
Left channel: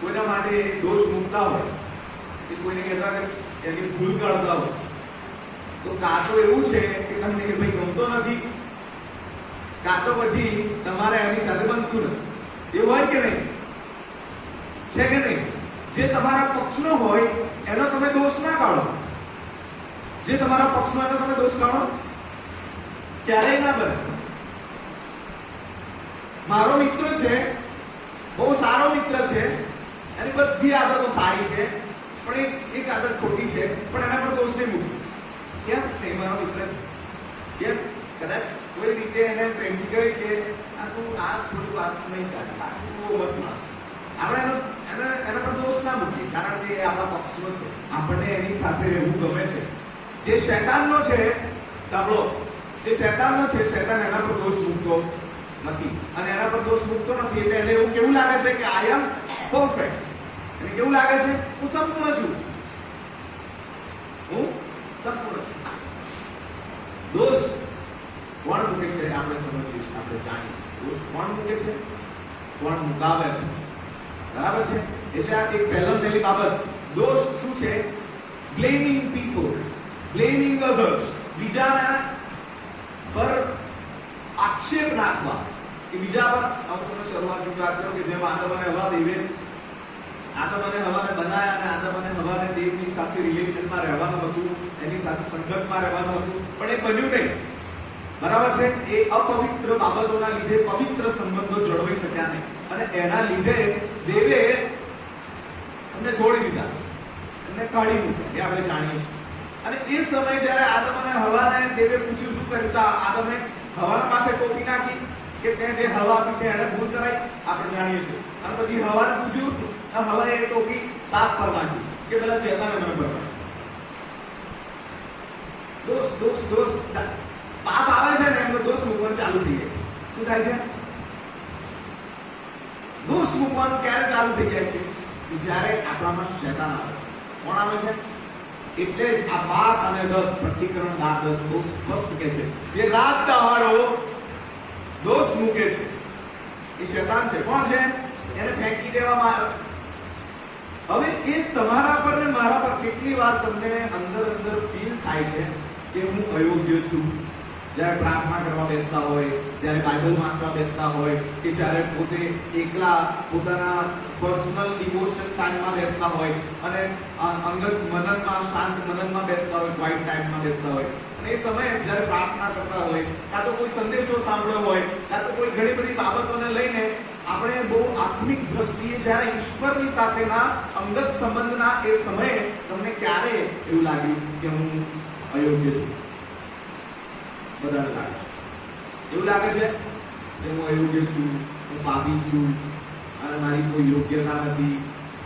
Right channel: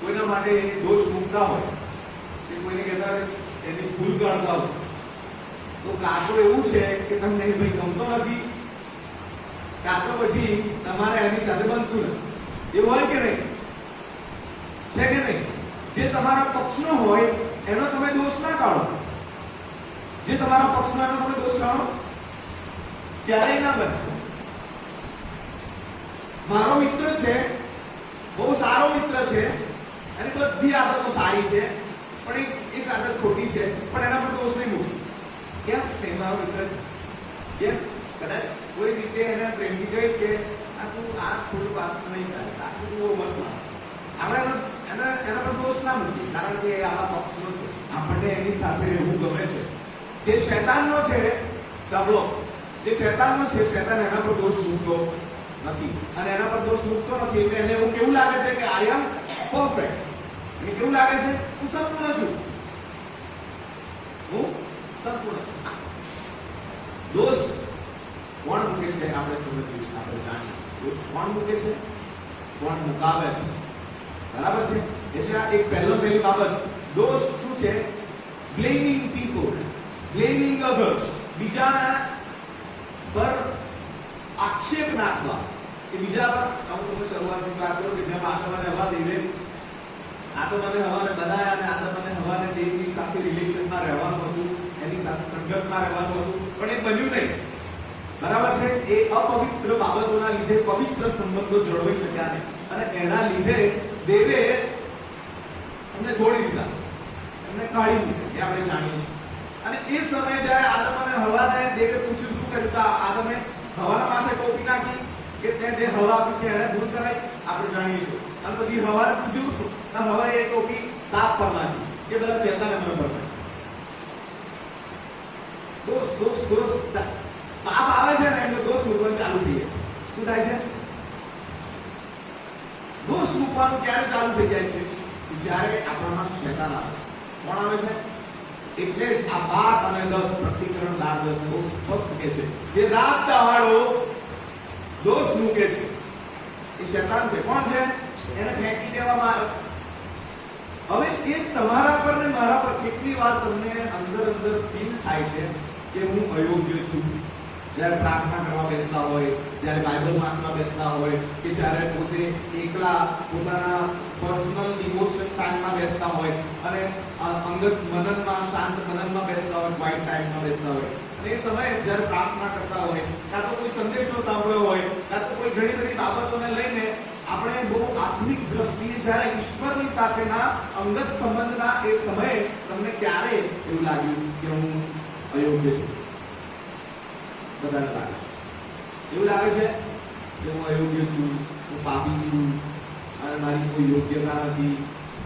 કોઈના માટે દોષ મૂકતા હોય કે કોઈને કહેતા એની ભૂલ કાઢતા હોય, તો કાં તો એવું છે કે તમને એ ભાઈ ગમતો નથી, કાં તો પછી તમારે એની સાથે બનતું નથી. એવું હોય કે નહીં? છે કે નહીં? જે તમારા પક્ષનો હોય એનો તમે દોષ ના કાઢો. જે તમારા પક્ષનો એનો તમે દોષ કાઢો ક્યારેય ના બને. મારો મિત્ર છે, બહુ સારો મિત્ર છે, એની બધી આદતો સારી છે, પણ એક આદત ખોટી છે, પણ એના પર દોષ નહીં મૂકું. કેમ? કે મારો મિત્ર છે. કેમ? કદાચ કોઈ રીતે એને પ્રેમથી કહે કે આ તું આ થોડું વાત નહીં ચાલે, આ તું બહુ મસ્ત માણસ. આપણે એના પર દોષ ના મૂકીએ, કારણ કે આવા પક્ષનો છે, આપણને એની સાથે રહેવું ગમે છે. જે શૈતાનનો છે, સાંભળો, જે શૈતાનનો છે, શૈતાન એના પર દોષ મૂકતો નથી. અને એના પર દોષ મૂકતો નથી એટલે એને એવું કેવું લાગે છે કે આઈ એમ પરફેક્ટ. એને કેવું લાગે છે? હું સંપૂર્ણ છું, હું સંપૂર્ણ છું. દોષ કોણ મૂકે છે? આપણે સમજીએ, આપણે જાણીએ. દોષ કોણ મૂકે છે? કોણ મુકાવે છે? બરાબર છે? એટલે આ એક પહેલી બાબત, દોષ શું છે? blaming people, blaming others, બીજાના પર આક્ષેપ નાખવા કે બીજા પર અમુક શરૂઆતની વાત કરો કે જેમ આદમ અને હવા દેવે આદમ અને હવાને બનાવ્યા અને આદમ અને હવાને દેવની સાથે રિલેશનમાં રહેવાનું હતું, એની સાથે સંગતમાં રહેવાનું હતું, પણ એ બન્યું નહીં. બરાબર છે? એ અપવિત્ર બાબતોના લીધે પવિત્ર સંબંધો જળવાઈ શક્યા નહીં અને એના લીધે દેવે એમને છોડી દીધા, એમને કાઢી દીધા, એ આપણે જાણીએ છીએ. અને એ સમયે જ્યારે આદમ અને હવાને દેવે પૂછ્યું શું કર્યું, તો આદમે હવાના પાસે ટોપી નાખી કે તે જે હવા આપી છે એને ભૂલ કરાય, આપણે જાણીએ છીએ. અને પછી હવાને પૂછ્યું તો હવાએ એ ટોપી સાફ પર નાખી કે પેલા શેતાને મને પર દોસ્ત પાપ આવે છે ને એમનો દોષ મૂકવાનું ચાલુ થઈ જાય. શું થાય છે? દોષ મૂકવાનું ક્યારે ચાલુ થઈ જાય છે? જ્યારે આપણામાં શેતાન આવે. કોણ આવે છે? એટલે જ આ 12 અને 10 પ્રતિકરણ 10 બહુ સ્પષ્ટ કહે છે, જે રાત દહાડો દોષ મૂકે છે એ શેતાન છે. કોણ છે? એને ફેંકી દેવામાં આવે છે. હવે એ તમારા પર ને મારા પર કેટલી વાર તમને અંદર ફીલ થાય છે કે હું અયોગ્ય છું. જ્યારે પ્રાર્થના કરવા બેસતા હોય, જ્યારે બાઇબલ વાંચવા બેસતા હોય, કે જ્યારે પોતે એકલા પોતાના પર્સનલ ડિવોશન ટાઈમમાં બેસતા હોય અને અંગત મનનમાં શાંત મનનમાં બેસતા હોય, ક્વાઇટ ટાઈમમાં બેસતા હોય, અને એ સમયે જ્યારે પ્રાર્થના કરતા હોય, કાં તો કોઈ સંદેશો સાંભળ્યો હોય, કાં તો કોઈ ઘણી બધી બાબતોને લઈને આપણે બહુ આત્મિક દ્રષ્ટિએ જ્યારે ઈશ્વરની સાથેના અંગત સંબંધના એ સમયે તમને ક્યારે એવું લાગ્યું કે હું અયોગ્ય છું? બધાને લાગે એવું લાગે છે કે હું અયોગ્ય છું, હું પાપી છું, અને મારી કોઈ યોગ્યતા નથી,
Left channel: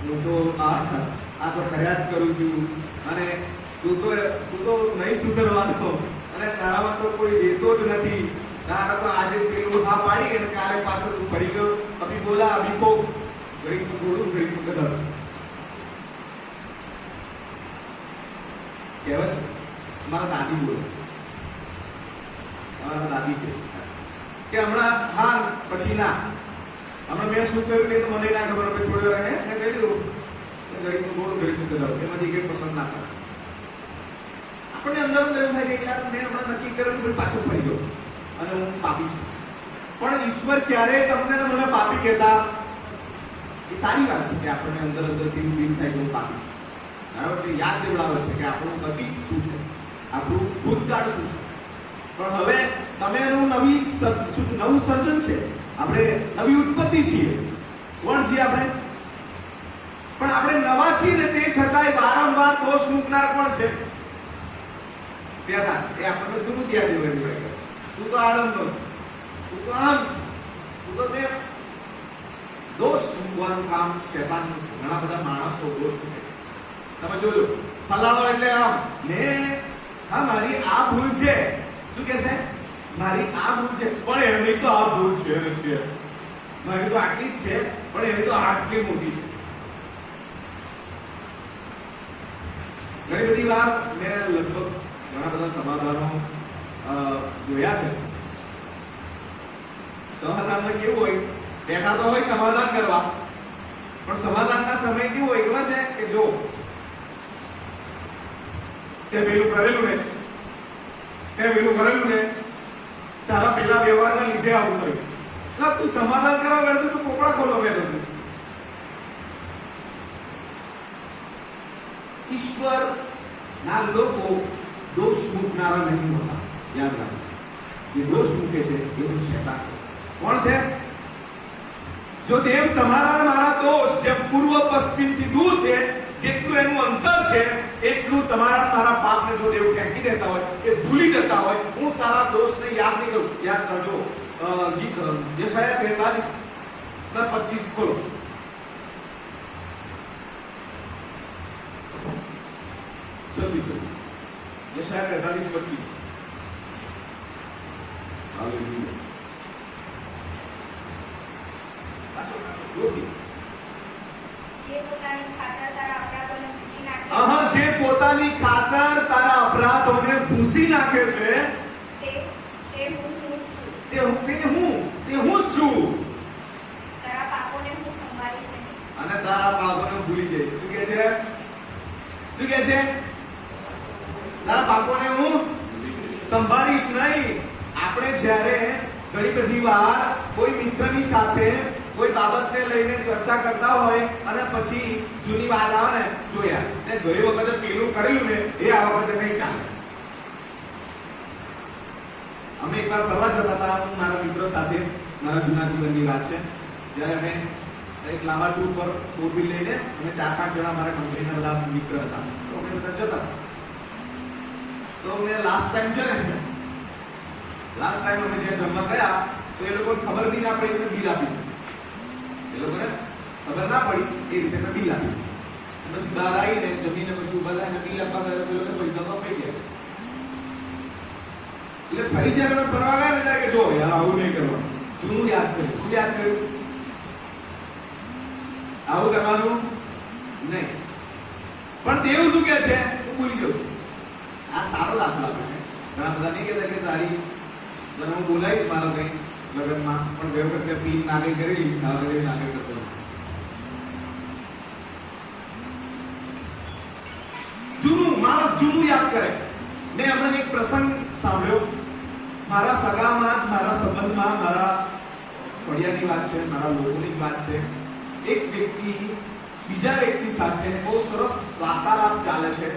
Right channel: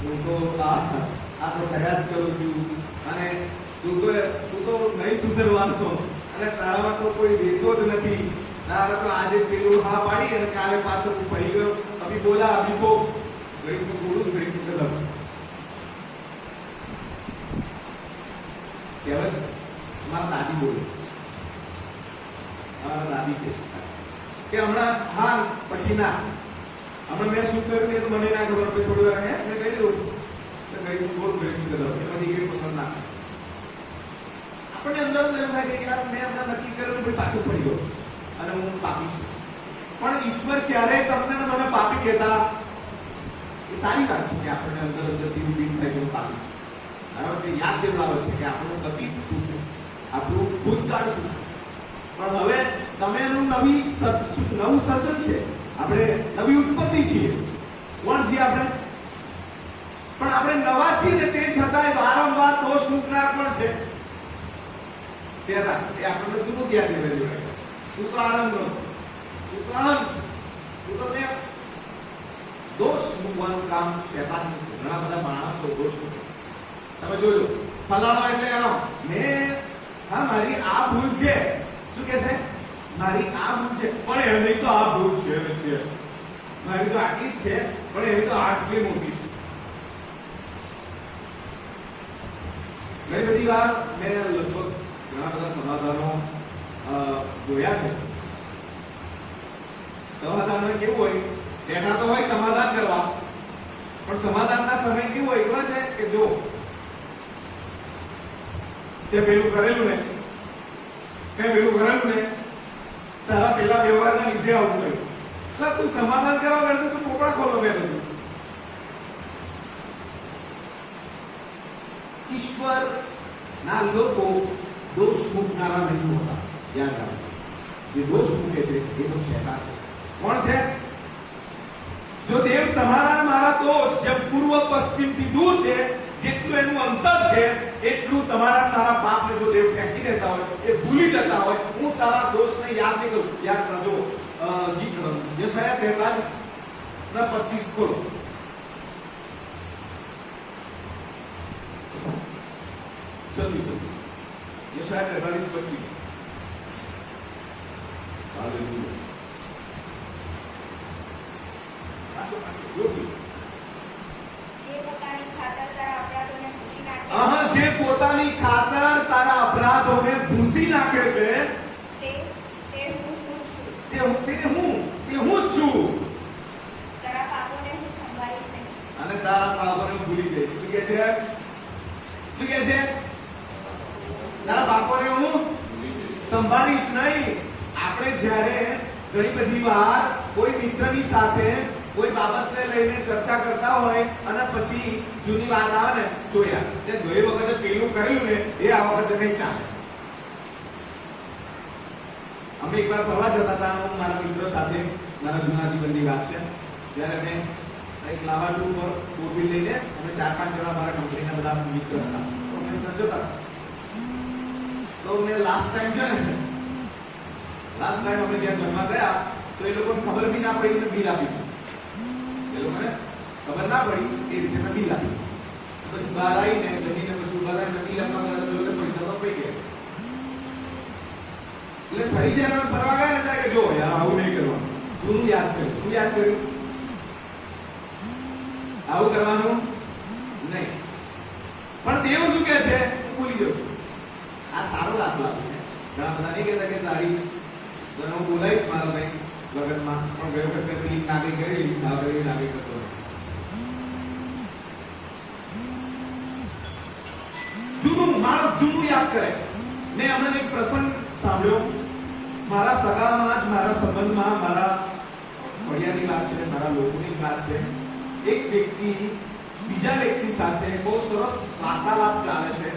હું તો આ તો કર્યા જ કરું છું, અને તું તો નહીં સુધરવાનો, અને તારામાં તો કોઈ દેતો જ નથી, તારા તો આજે પેલું હા પાડી અને કાલે પાછો તું પડી ગયો, અભી બોલા અભી કો ઘડી તું બોલું ઘડી તું કદર કહેવાય છે. મારા દાદી બોલે, અમારા દાદી કે હમણાં હા પછી ના, હમણાં મેં શું કર્યું એ તો મને ના ખબર, થોડી વાર મેં કહી દઉં ઘડી તું બોલું ઘડી તું કદર, એમાંથી કઈ પસંદ ના કરે. આપણને અંદર એવું થાય કે યાર મેં હમણાં નક્કી કર્યું કે પાછો ફરી ગયો અને હું પાપી છું. પણ ઈશ્વર ક્યારેય તમને મને પાપી કહેતા, એ સારી વાત છે કે આપણને અંદર થી ફીલ થાય કે હું પાપી છું. બરાબર છે? યાદ દેવડાવે છે કે આપણું અતીત શું છે, આપણું ભૂતકાળ શું છે. પણ હવે તમે એનું નવું સર્જન છે, આપણે નવી ઉત્પત્તિ છીએ. કોણ છીએ આપણે? પણ આપણે નવા છીએ ને તે છતાંય વારંવાર દોષ મૂકનાર કોણ છે? શેતાન. એ આપણને જૂનું ક્યાં દેવાય? તું તો આનંદ, તું તો આનંદ છે, તું તો તે દોષ મૂકવાનું કામ શેતાન. ઘણા બધા માણસો દોષ મૂકે. તમે જોજો, ફલાણો એટલે આમ હા મારી આ ભૂલ છે. શું કે છે? મારી આ ભૂલ છે, પણ એની તો આ ભૂલ છે, મારી તો આટલી જ છે, પણ એની તો આટલી મોટી છે. ઘણી બધી વાર મેં લગભગ ઘણા બધા સમાધાનો જોયા છે. સમાધાનમાં કેવું હોય, બેઠા તો હોય સમાધાન કરવા, પણ સમાધાનના સમય કેવું હોય ખબર છે કે જો તે પેલું કરેલું ને તારા પેલા વ્યવહારના લીધે આવું થયું, તું સમાધાન કરવા બેઠો તું પોપડા ખોલવા બેઠો છું. ઈશ્વર ના લોકો દોષ મૂકનારા નથી હોતા. યાદ રાખો, જે દોષ મૂકે છે એ તો શેતાન છે. કોણ છે? જો દેવ તમારા મારા દોષ જેમ પૂર્વ પશ્ચિમથી દૂર છે, જેટલું એનું અંતર છે એટલું તમારા મારા પાપને જો દેવ ફેંકી દેતા હોય, એ ભૂલી જતા હોય, હું તારા દોષને યાદ નહીં કરું. યાદ કરજો, યશાયા 43:25 ખોલો. જલ્દી યશાયા 43:25. હાલેલુયા. જે પોતાની ખાતર તારા અપરાધોને ભૂંસી નાખે છે તે હું જ છું, તારા પાપોને હું સંભાળીશ નહીં અને તારા પાપોને ભૂલી જઈશ. શું કે છે? તારા બાપોને હું સંભાળીશ નહીં. આપણે જ્યારે ઘણી બધી વાર કોઈ મિત્રની સાથે કોઈ બાબતને લઈને ચર્ચા કરતા હોય અને પછી જૂની વાત આવે ને, જો યાર તે ગઈ વખતે પેલું કરેલું ને એ આ વખતે નહીં ચાલે. અમે એકવાર ફરવા જતા હતા, હું મારા મિત્રો સાથે, મારા જૂના જીવનની વાત છે, જ્યારે અમે એક લાંબા ટૂર પર ફોર વ્હીલ લઈને અમે 4-5 જણા મારા કંપનીના બધા મિત્ર હતા, તો અમે બધા જતા હતા. તો મેં લાસ્ટ ટાઈમ છે ને, લાસ્ટ ટાઈમ અમે જ્યાં જમવા ગયા તો એ લોકોને ખબર બી ના પડી, મેં બિલ આપી દીધું. એ લોકોને ખબર ના પડી એ રીતે મેં બિલ આપી દીધું. પછી બહાર આવીને જમીને પછી ઉભા થઈને બિલ આપવા ગયા તો એ લોકો પૈસા તો આપી ગયા. એટલે ફરી જ્યારે અમે ફરવા ગયા ને ત્યારે કે જો યાર આવું નહીં કરવાનું, જૂનું યાદ કર્યું. શું યાદ કર્યું? આવું કરવાનું નહીં. પણ દેવ શું કે છે હું ભૂલી ગયો. આ સારો દાખલો આપે છે. ઘણા બધા નહીં કહેતા કે તારી તને હું બોલાવીશ મારા કઈ લગ્નમાં, પણ ગયો વખતે પીન નાગરી કરી નાગરી કરતો. જૂનું માણસ જૂનું યાદ કરે. મેં હમણાં એક પ્રસંગ સાંભળ્યો મારા સગામાં જ, મારા સંબંધમાં, મારા ફળિયાની વાત છે, મારા લોકોની વાત છે. એક વ્યક્તિ બીજા વ્યક્તિ સાથે બહુ સરસ વાર્તાલાપ ચાલે છે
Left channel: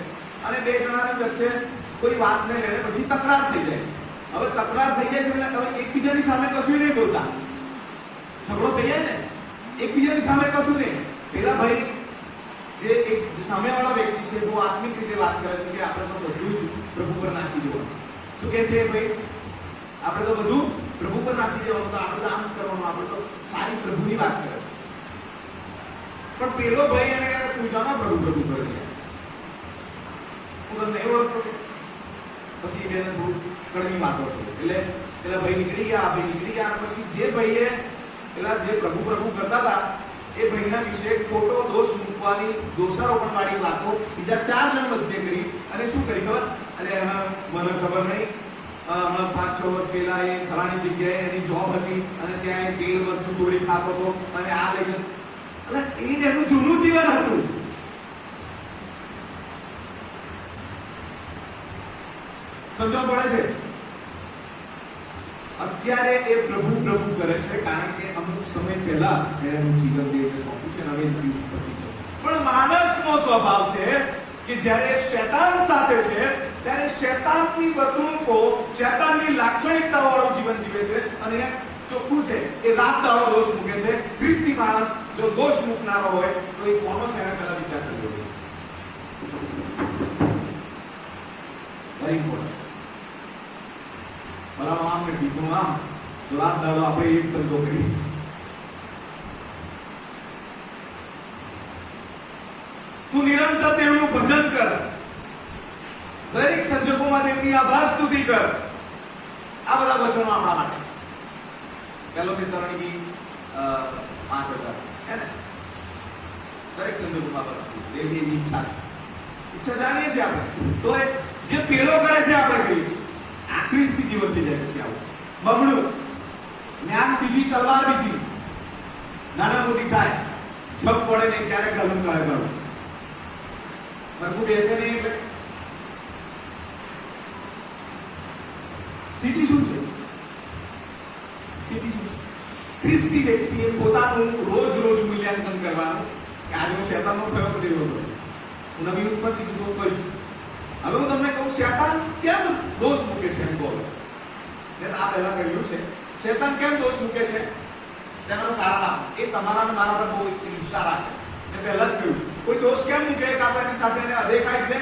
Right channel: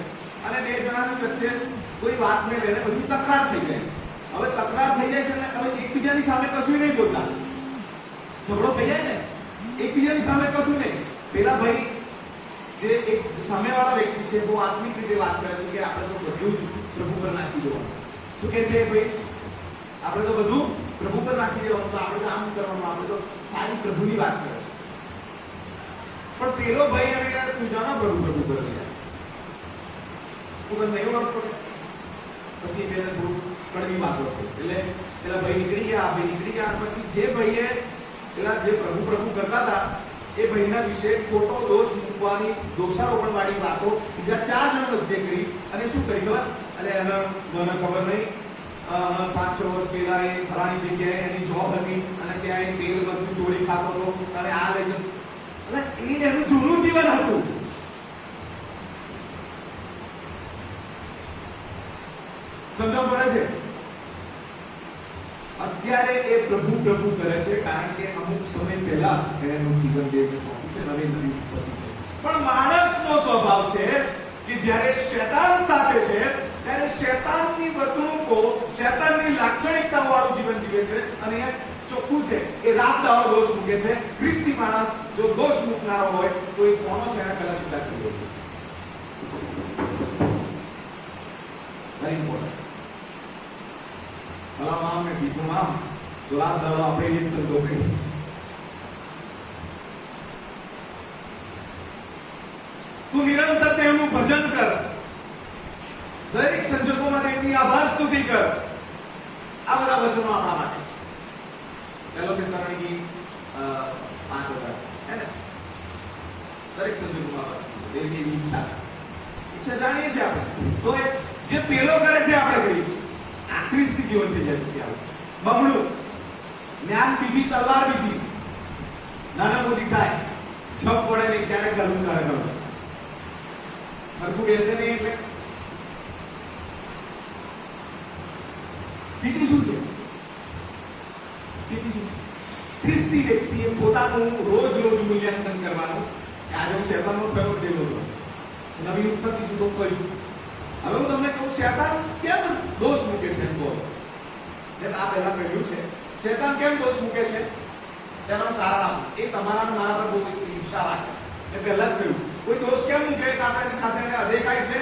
અને બે જણાની વચ્ચે કોઈ વાતને લઈને પછી તકરાર થઈ જાય. હવે તકરાર થઈ જાય છે એટલે હવે એકબીજાની સામે કશું નહીં બોલતા, ઝઘડો થઈ જાય ને, એકબીજાની સામે કશું નહીં. પેલા ભાઈ જે એક સામેવાળા વ્યક્તિ છે બહુ આત્મિક રીતે વાત કરે છે કે આપણે તો બધું જ પ્રભુ પર નાખી દેવાનું. શું કહે છે ભાઈ? આપણે તો બધું પ્રભુ પર નાખી દેવાનું, તો આપણે તો આમ કરવાનું, આપણે તો સારી પ્રભુની વાત કરે. પણ પેલો ભાઈ એને કહે પૂજા ના કરું પ્રભુ કરો પૂરો નહીં મળતો. પછી એને થોડું કડવી વાતો થઈ એટલે પેલા ભાઈ નીકળી ગયા. પછી જે ભાઈએ પેલા જે પ્રભુ પ્રભુ કરતા હતા એ ભાઈના વિશે ખોટો દોષ મૂકવાની દોષારોપણ વાળી વાતો બીજા 4 જણ વચ્ચે કરી. અને શું કરી ખબર? અને મને ખબર નહીં, 5-6 વર્ષ પહેલા એ ફલાણી જગ્યાએ એની જોબ હતી અને ત્યાં એ 13 વર્ષ ચોરી ખાતો હતો અને આ લઈ એટલે એ એનું જૂનું જીવન હતું. સમજણ પડે છે? અત્યારે એ પ્રભુ પ્રભુ કરે છે કારણ કે અમુક સમય પહેલા એનું જીવન દેવને સોંપ્યું છે, હવે નથી પતી છે. પણ માણસનો સ્વભાવ છે કે જ્યારે શૈતાન સાથે છે ત્યારે શૈતાનની વર્તણૂકો, શૈતાનની લાક્ષણિકતાઓ વાળું જીવન જીવે છે. અને અહીંયા ચોખ્ખું છે એ રાત દાડો દોષ મૂકે છે. ખ્રિસ્તી માણસ જો દોષ મૂકનારો હોય તો એ કોનો છે એને પહેલા વિચાર કરી લે છે. Very important. ભલા નામ ને બીજું નામ જો રાત દાડો આપણે એક ધંધો કરી. તું નિરંતર તેમનું ભજન કર, દરેક સંજોગોમાં તેમની આભાર સ્તુતિ કર. આ બધા વચનો આપણા માટે. ચાલો કે સરણીની 5,000 હે ને, દરેક સંજોગોમાં દેવની ઈચ્છા જાણીએ છીએ આપણે. તો જે પેલો કરે છે આપણે કહીએ આખરી સ્થિતિ જીવન થઈ જાય. પછી આવું બમણું જ્ઞાન બીજી, તલવાર બીજી, નાના મોટી થાય, જપ પડે નહીં ક્યારે ગલું કરે ગલું સરખું બેસે નહીં. એટલે સ્થિતિ શું છે? સ્થિતિ શું છે? ખ્રિસ્તી વ્યક્તિએ પોતાનું રોજ મૂલ્યાંકન કરવાનું કે આજે હું શૈતાનનો થયો કે દેવો હતો, નવી ઉત્પત્તિ જુદો કહીશ. હવે હું તમને કહું શૈતાન કેમ દોષ મૂકે છે એમ બોલો. આ પહેલા કહ્યું છે શૈતાન કેમ દોષ મૂકે છે તેનું કારણ એ તમારા મારા પર બહુ ઈચ્છા રાખે. મેં પહેલા જ કહ્યું કોઈ દોષ કેમ મૂકે? કાપડની સાથે એને અદેખાય છે,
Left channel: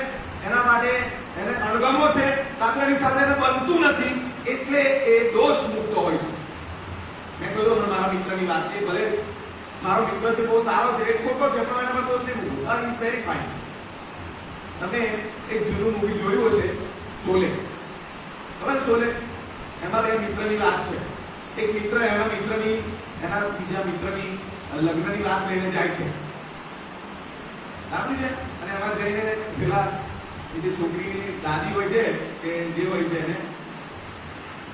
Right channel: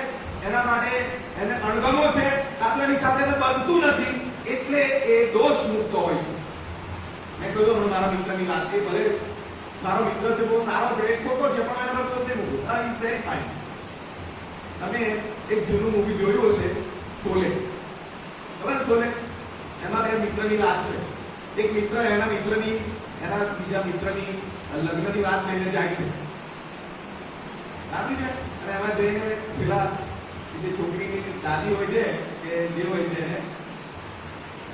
એના માટે એને અણગમો છે, કાપડની સાથે એને બનતું નથી એટલે એ દોષ મૂકતો હોય છે. મેં કહ્યું મારા મિત્રની વાત, એ ભલે મારો મિત્ર છે, બહુ સારો છે, એ ખોટો છે, પણ એના પર દોષ નહીં મૂકું. It's very fine. તમે એક જૂનું મૂવી જોયું હશે શોલે, ખબર શોલે? એમાં બે મિત્રની વાત છે. એક મિત્ર એના મિત્રની એના બીજા મિત્રની લગ્નની વાત લઈને જાય છે, સાચી છે? અને એમાં જઈને પેલા જે છોકરીની દાદી હોય છે કે જે હોય છે એને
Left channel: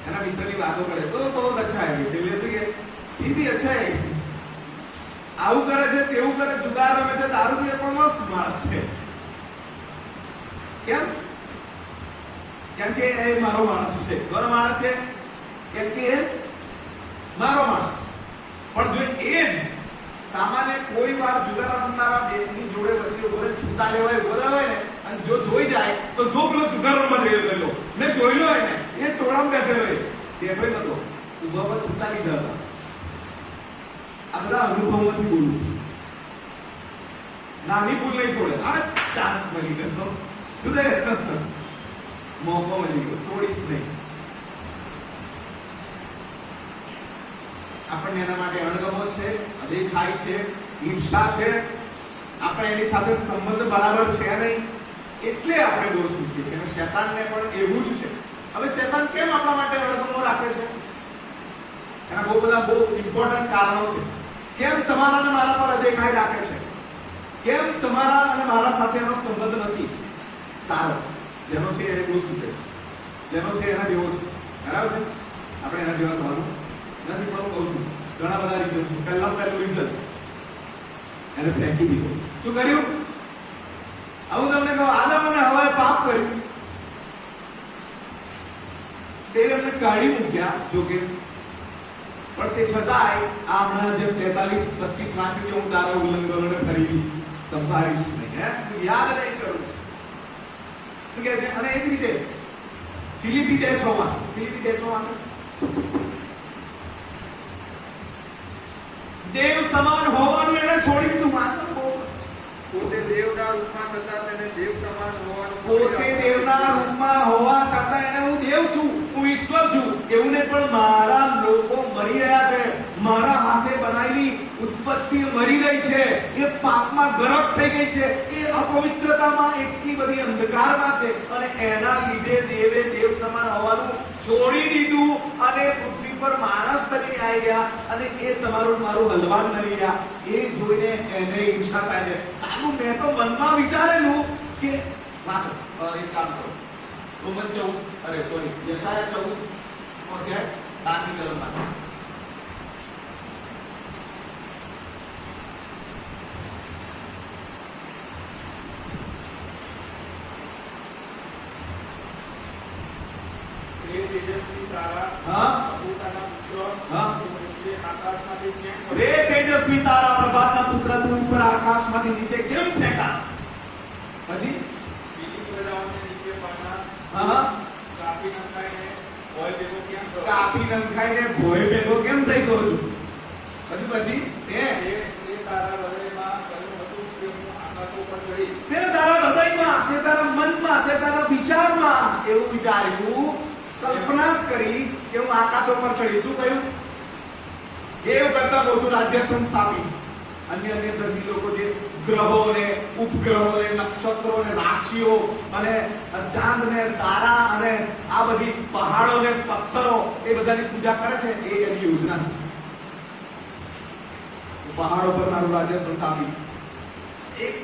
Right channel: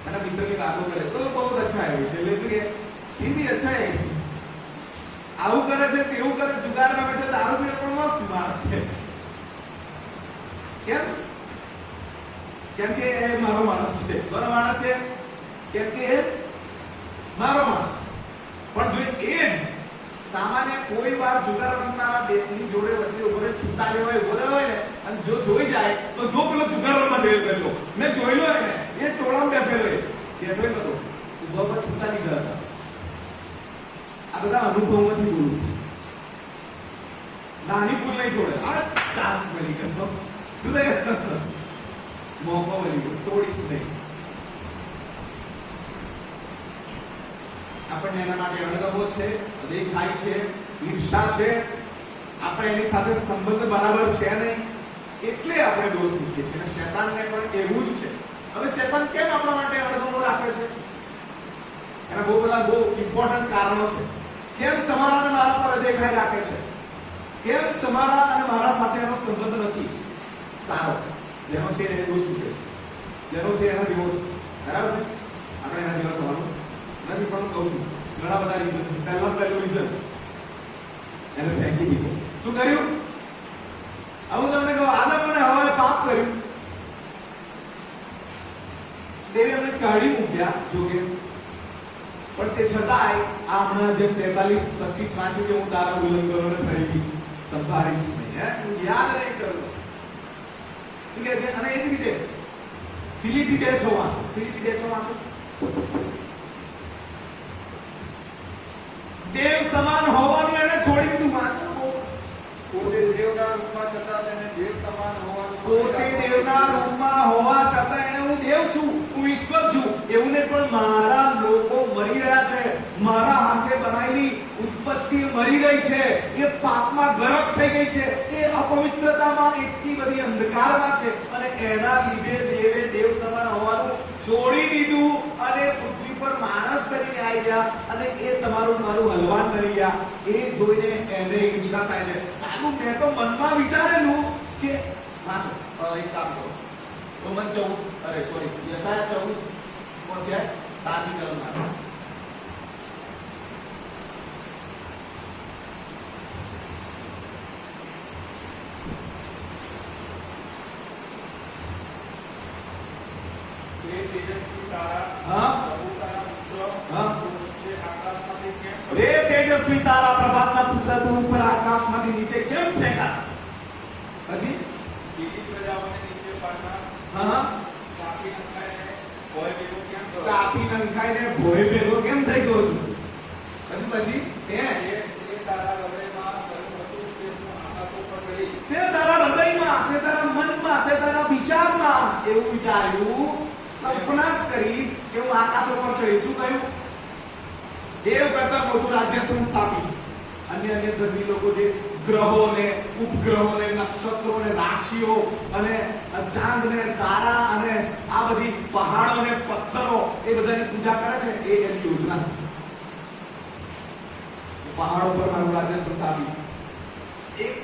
એના મિત્રની વાતો કરે તો બહુ અચ્છા હોય છે. એટલે એ બી અચ્છા હે, આવું કરે છે, તેવું કરે, જુગાર રમે છે, દારૂ પીએ, પણ મસ્ત માણસ છે. કેમ? કેમ કે એ મારો માણસ છે. કોનો માણસ છે? કેમ કે એ મારો માણસ. પણ જો એ જ સામાન્ય કોઈ વાર જુગાર રમનારા બેની જોડે વચ્ચે ઉભો રહે, છૂટા લેવાય ઉભો રહ્યો હોય ને, અને જો જોઈ જાય તો જો પેલો જુગાર રમવા ગયેલો મેં જોઈ લો એને, એ ટોળામાં બેઠેલો બેઠો નતો, ઉભા પર છૂટા નહીં ગયા હતા. આ બધા અનુભવમાંથી બોલું. નાની ભૂલ નહીં છોડે. આ ચાન્સ મળી ગયો, શું થાય? મોકો મળી ગયો, તોડીશ નહીં. આપણને એના માટે અણગમો છે, અદેખાય છે, ઈર્ષા છે, આપણે એની સાથે સંબંધ બરાબર છે નહીં, એટલે આપણે દોષ મૂકીએ છીએ. અને શેતાનને પણ એવું જ છે. હવે શેતાન કેમ આપણા માટે અણગમો રાખે છે? એના બહુ બધા બહુ ઇમ્પોર્ટન્ટ કારણો છે. કેમ તમારા અને મારા પર અદેખાય રાખે છે? કેમ તમારા અને મારા સાથે એનો સંબંધ નથી સારો? જેનો છે એને દોષ મૂકે, જેનો છે એના જેવો છે. બરાબર છે? આપણે એના જેવા થવાનું નથી. પણ હું કહું છું ઘણા બધા રીઝન છે. પહેલું રીઝન એને ફેંકી દીધો. શું કર્યું? આવું તમને કહું, આદમ અને હવાએ પાપ કર્યું, દેવે એમને કાઢી મૂક્યા જોકે, પણ તે છતાંય આ હમણાં જે 43-25 વાંચ્યું કે હું તારા ઉલ્લંઘનોને ફરીથી સંભાળીશ નહીં, હું યાદ નહીં કરું. શું કહે છે? અને એ જ રીતે ફિલિપી 2:6 દેવ સમાન હોવાનું એને છોડી દીધું. વાંચો પોતે દેવના રૂપમાં છતાં તેને દેવ સમાન હોવાનું પોતે દેવના રૂપમાં હોવા છતાં એને હું દેવ છું, હું ઈશ્વર છું એવું નહીં. પણ મારા લોકો મરી રહ્યા છે, મારા હાથે બનાવેલી ઉત્પત્તિ મરી રહી છે, એ પાપમાં ગરક થઈ ગઈ છે, એ અપવિત્રતામાં એટલી બધી અંધકારમાં છે, અને એના લીધે દેવે દેવ સમાન હોવાનું છોડી દીધું અને પૃથ્વી પર માણસ બની આવી ગયા, અને એ તમારું મારું હલવાન બની ગયા. એ જોઈને એને ઈર્ષા થાય છે. સારું, મેં તો મનમાં વિચારેલું કે વાંચો, એક કામ કરો, રોમન 14 યશાયા 14 તારની કલમમાં તેજસ્વી તારા હા પોતાના પુત્ર હા તે આકાશમાંથી કેમ રે તેજસ્વી તારા પ્રભાતના પુત્ર તું ઉપર આકાશમાંથી નીચે કેમ ફેંકા? પછી બીજી પ્રજાઓને નીચે પાડનાર હા કાપી નખાઈને ભોય ભેગો કેમ કરો? કાપી નંખાઈને ભોય ભેગો કેમ થઈ ગયો છું? પછી તે તારા હૃદયમાં કહ્યું હતું કે હું આકાશો પર ચડી તે તારા હૃદયમાં, તે તારા મનમાં, તે તારા વિચારમાં એવું વિચાર્યું, કલ્પના જ કરી કે હું આકાશો પર ચડી. શું કહ્યું? દેવ કરતા મોટું રાજ્ય સંસ્થાપીશ. અન્ય ધર્મી લોકો જે ગ્રહોને, ઉપગ્રહોને, નક્ષત્રોને, રાશિઓ અને ચાંદ ને તારા અને આ બધી પહાડો ને પથ્થરો એ બધાની પૂજા કરે છે, એ એની યોજના છે. પહાડો પર મારું રાજ્ય સંસ્થાપીશ. એક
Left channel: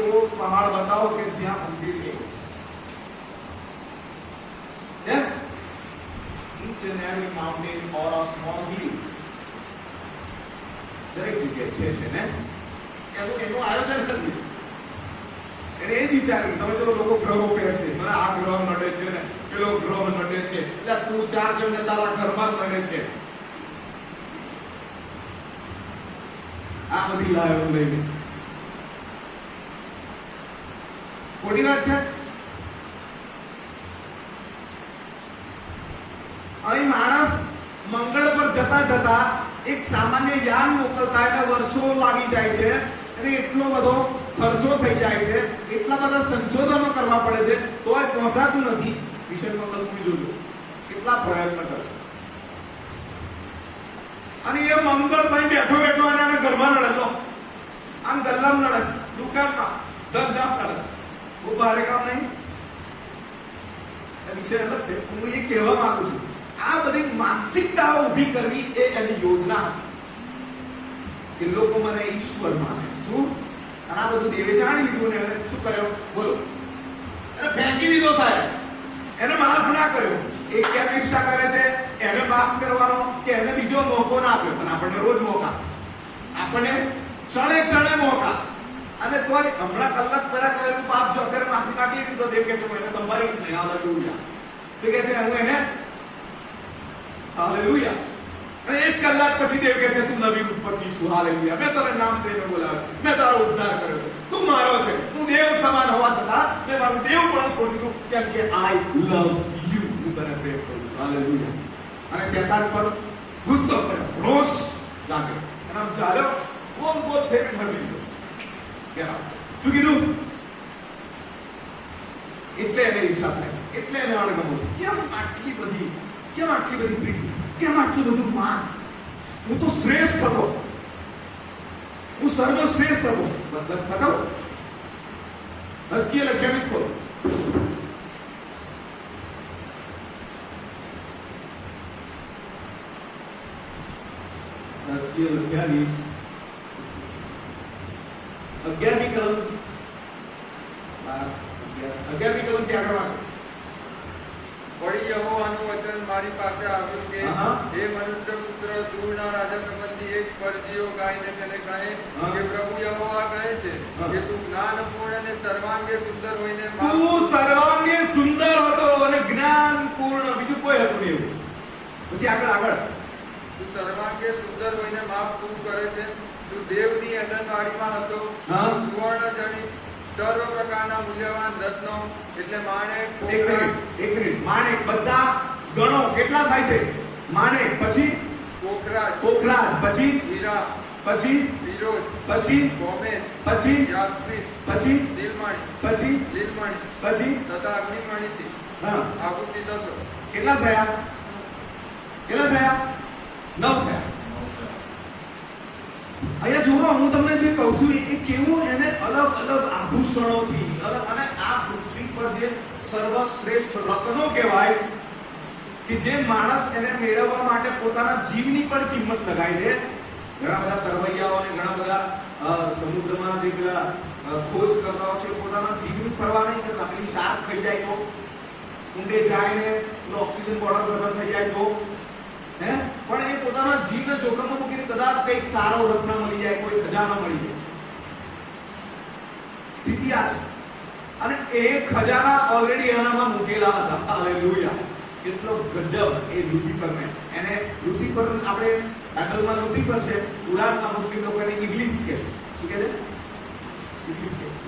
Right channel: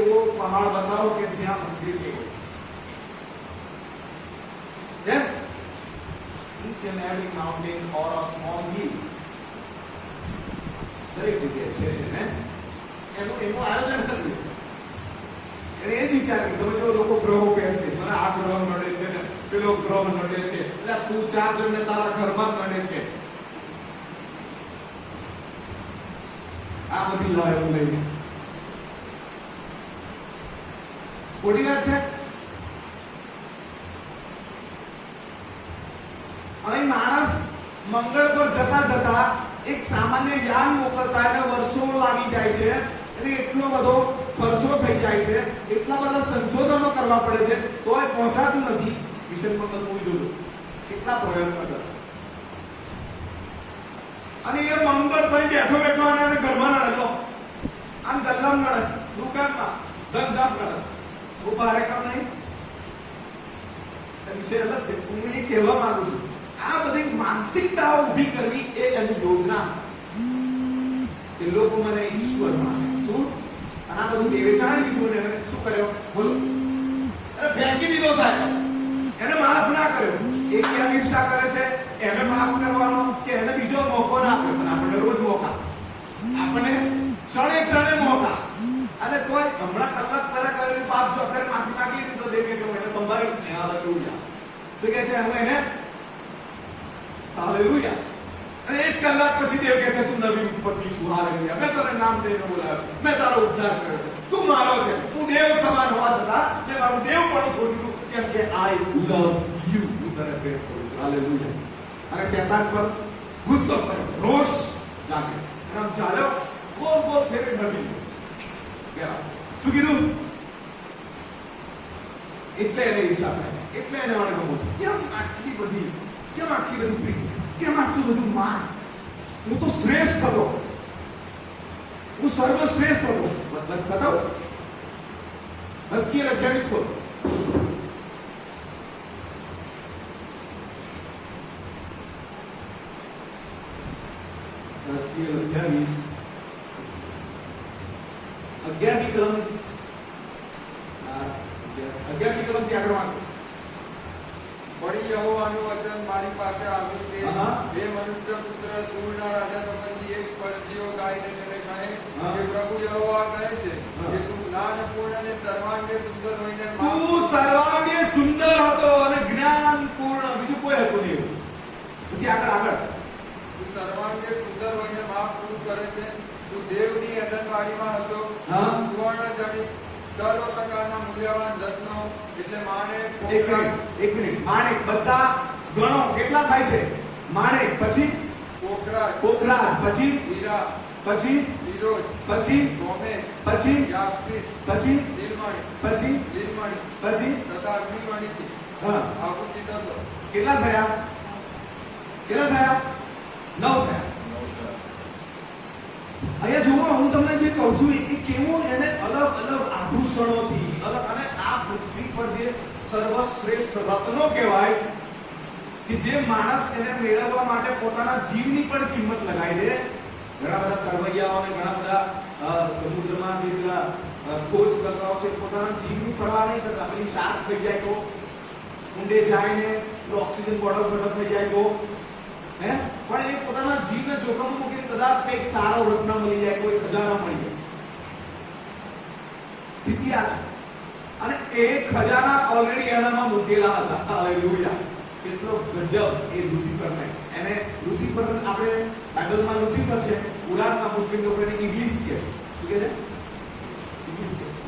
એવો પહાડ બતાવો કે જ્યાં મંદિર એવો. Each and every mountain or a small hill. દરેક જગ્યાએ છે ને એનું આયોજન નથી. એને એ જ વિચાર્યું. તમે જો લોકો ગ્રહો કહે છે, મને આ ગ્રહ નડે છે ને પેલો ગ્રહ નડે છે, એટલે તું ચાર જણને તારા ઘરમાં નડે છે. આ બધી લાયો લઈને ખોટી વાત છે. અહીં માણસ મંગળ પર જતા જતા એક સામાન્ય યાન મોકલતા એને વર્ષો લાગી જાય છે, અને એટલો બધો ખર્ચો થઈ જાય છે, એટલા બધા સંશોધનો કરવા પડે છે, તોય પહોંચાતું નથી. મિશન મંગળ મૂવી જોજો, કેટલા પ્રયત્ન કરે. અને એ મંગળ ભાઈ બેઠો અને ઘરમાં નડે, આમ ગલ્લામ નડે, દુકાનમાં ધંધામ નડે, બહુ ભારે કામ નહીં. વિષય અલગ છે. હું એ કહેવા માંગુ છું, આ બધી માનસિકતા ઉભી કરવી એ એની યોજના કે લોકો મને ઈશ્વર માને. શું? અને આ બધું દેવે જાણી લીધું ને એને શું કર્યો? બોલો, ફેંકી દીધો સાહેબ, એને માફ ના કર્યો. એક કેમ ઈર્ષા કરે છે? એને માફ કરવાનો કે એને બીજો મોકો ના આપ્યો? પણ આપણને રોજ મોકા, આપણને ક્ષણે ક્ષણે મોકા. અને તોય હમણાં કલાક પહેલા કરેલું પાપ જો અત્યારે માફી માંગી દીધો, દેવ કે છે હું એને સંભાળીશ ને હાલેલુયા. શું કહે છે? હું એને હાલેલુયા. અને એક કલાક પછી દેવ કહે છે તું નવી ઉત્પત્તિ છું. હાલેલુયા. મેં તને નામ દઈને બોલાવ્યો, મેં તારો ઉદ્ધાર કર્યો છે, તું મારો છે. તું દેવ સમાન હોવા છતાં મેં મારું દેવ પણ છોડી દીધું, કેમ કે આઈ લવ યુ. હું તને પ્રેમ કરું છું. હાલેલુયા. અને શેતાન પર ગુસ્સો કર્યો, રોષ લાગ્યો, અને આમ ચાલ્યો, ગોલ ગોલ ફેરી ઢળી ગયો. શું કીધું? એટલે એને હિસાબ થાય છે, એટલે એને અણગમો છે. કેમ આટલી બધી પ્રીતિ, કેમ આટલું બધું માન? હું તો શ્રેષ્ઠ હતો, હું સર્વશ્રેષ્ઠ હતો. મતલબ ખતમ. હસ્કીએ 28 ખોલ. હસ્કીએ 28 11મી કલમ 11મી કલમથી આગળ વાંચો. વળી યહોવાનું વચન મારી પાસે આવ્યું કે હા. હે મનુષ્ય પુત્ર, દૂરના રાજા સંબંધી એક પરજીઓ ગાઈને તેને કહે હા. કે પ્રભુ યહોવા કહે છે હા. કે તું જ્ઞાનપૂર્ણ અને સર્વાંગે સુંદર હોઈને તું સર્વાંગે સુંદર હતો અને જ્ઞાનપૂર્ણ, બીજું કોઈ હતું નહીં એવું. પછી આગળ તું સર્વાંગે સુંદર હોઈને માપ પૂરું કરે છે. તું દેવની અદનવાડીમાં હતો. હા. સુવર્ણ જડિત સર્વ પ્રકારના મૂલ્યવાન રત્નો એટલે માણેક, એક મિનિટ. માણેક બધા ગણો કેટલા થાય છે? માણેક, પછી પોખરાજ, પોખરાજ, પછી હીરા, પછી ફિરોજ, પછી ગોમેજ, પછી યાસ્મીન, પછી નીલમણિ, પછી લીલમણિ પછી તથા અગ્નિમણિથી હા આભૂષિત હતો. કેટલા થયા? 9 થયા. અહીંયા જુઓ, હું તમને જે કહું છું એ કેવું એને અલગ અલગ આભૂષણોથી અલગ, અને આ પૃથ્વી પર જે સર્વશ્રેષ્ઠ રત્નો કહેવાય કે જે માણસ એને મેળવવા માટે પોતાના જીવની પણ કિંમત લગાવી દે. ઘણા બધા તરવૈયાઓ અને ઘણા બધા સમુદ્રમાં જે પેલા ખોજ કરતાઓ છે, પોતાના જીવની પરવા નહીં કરતા. પેલી શાર્ક થઈ જાય તો, ઊંડે જાય ને ઓક્સિજન બોટલ ખબર થઈ જાય તો, પણ એ પોતાના જીવને જોખમમાં મૂકીને કદાચ કંઈક સારો રત્ન મળી જાય, કોઈ ખજાનો મળી જાય. સ્થિતિ આ છે. અને એ ખજાના ઓલરેડી એનામાં મૂકેલા હતા. હાલેલુયા. કેટલો ગજબ એ લુસિફરને. એને લુસિફર આપણે બાઇબલમાં લુસિફર છે, કુરાનમાં મુસ્લિમ લોકો એને ઇબ્લિસ કહે છે. શું કહે છે? ઇબ્લિસ કહે છે.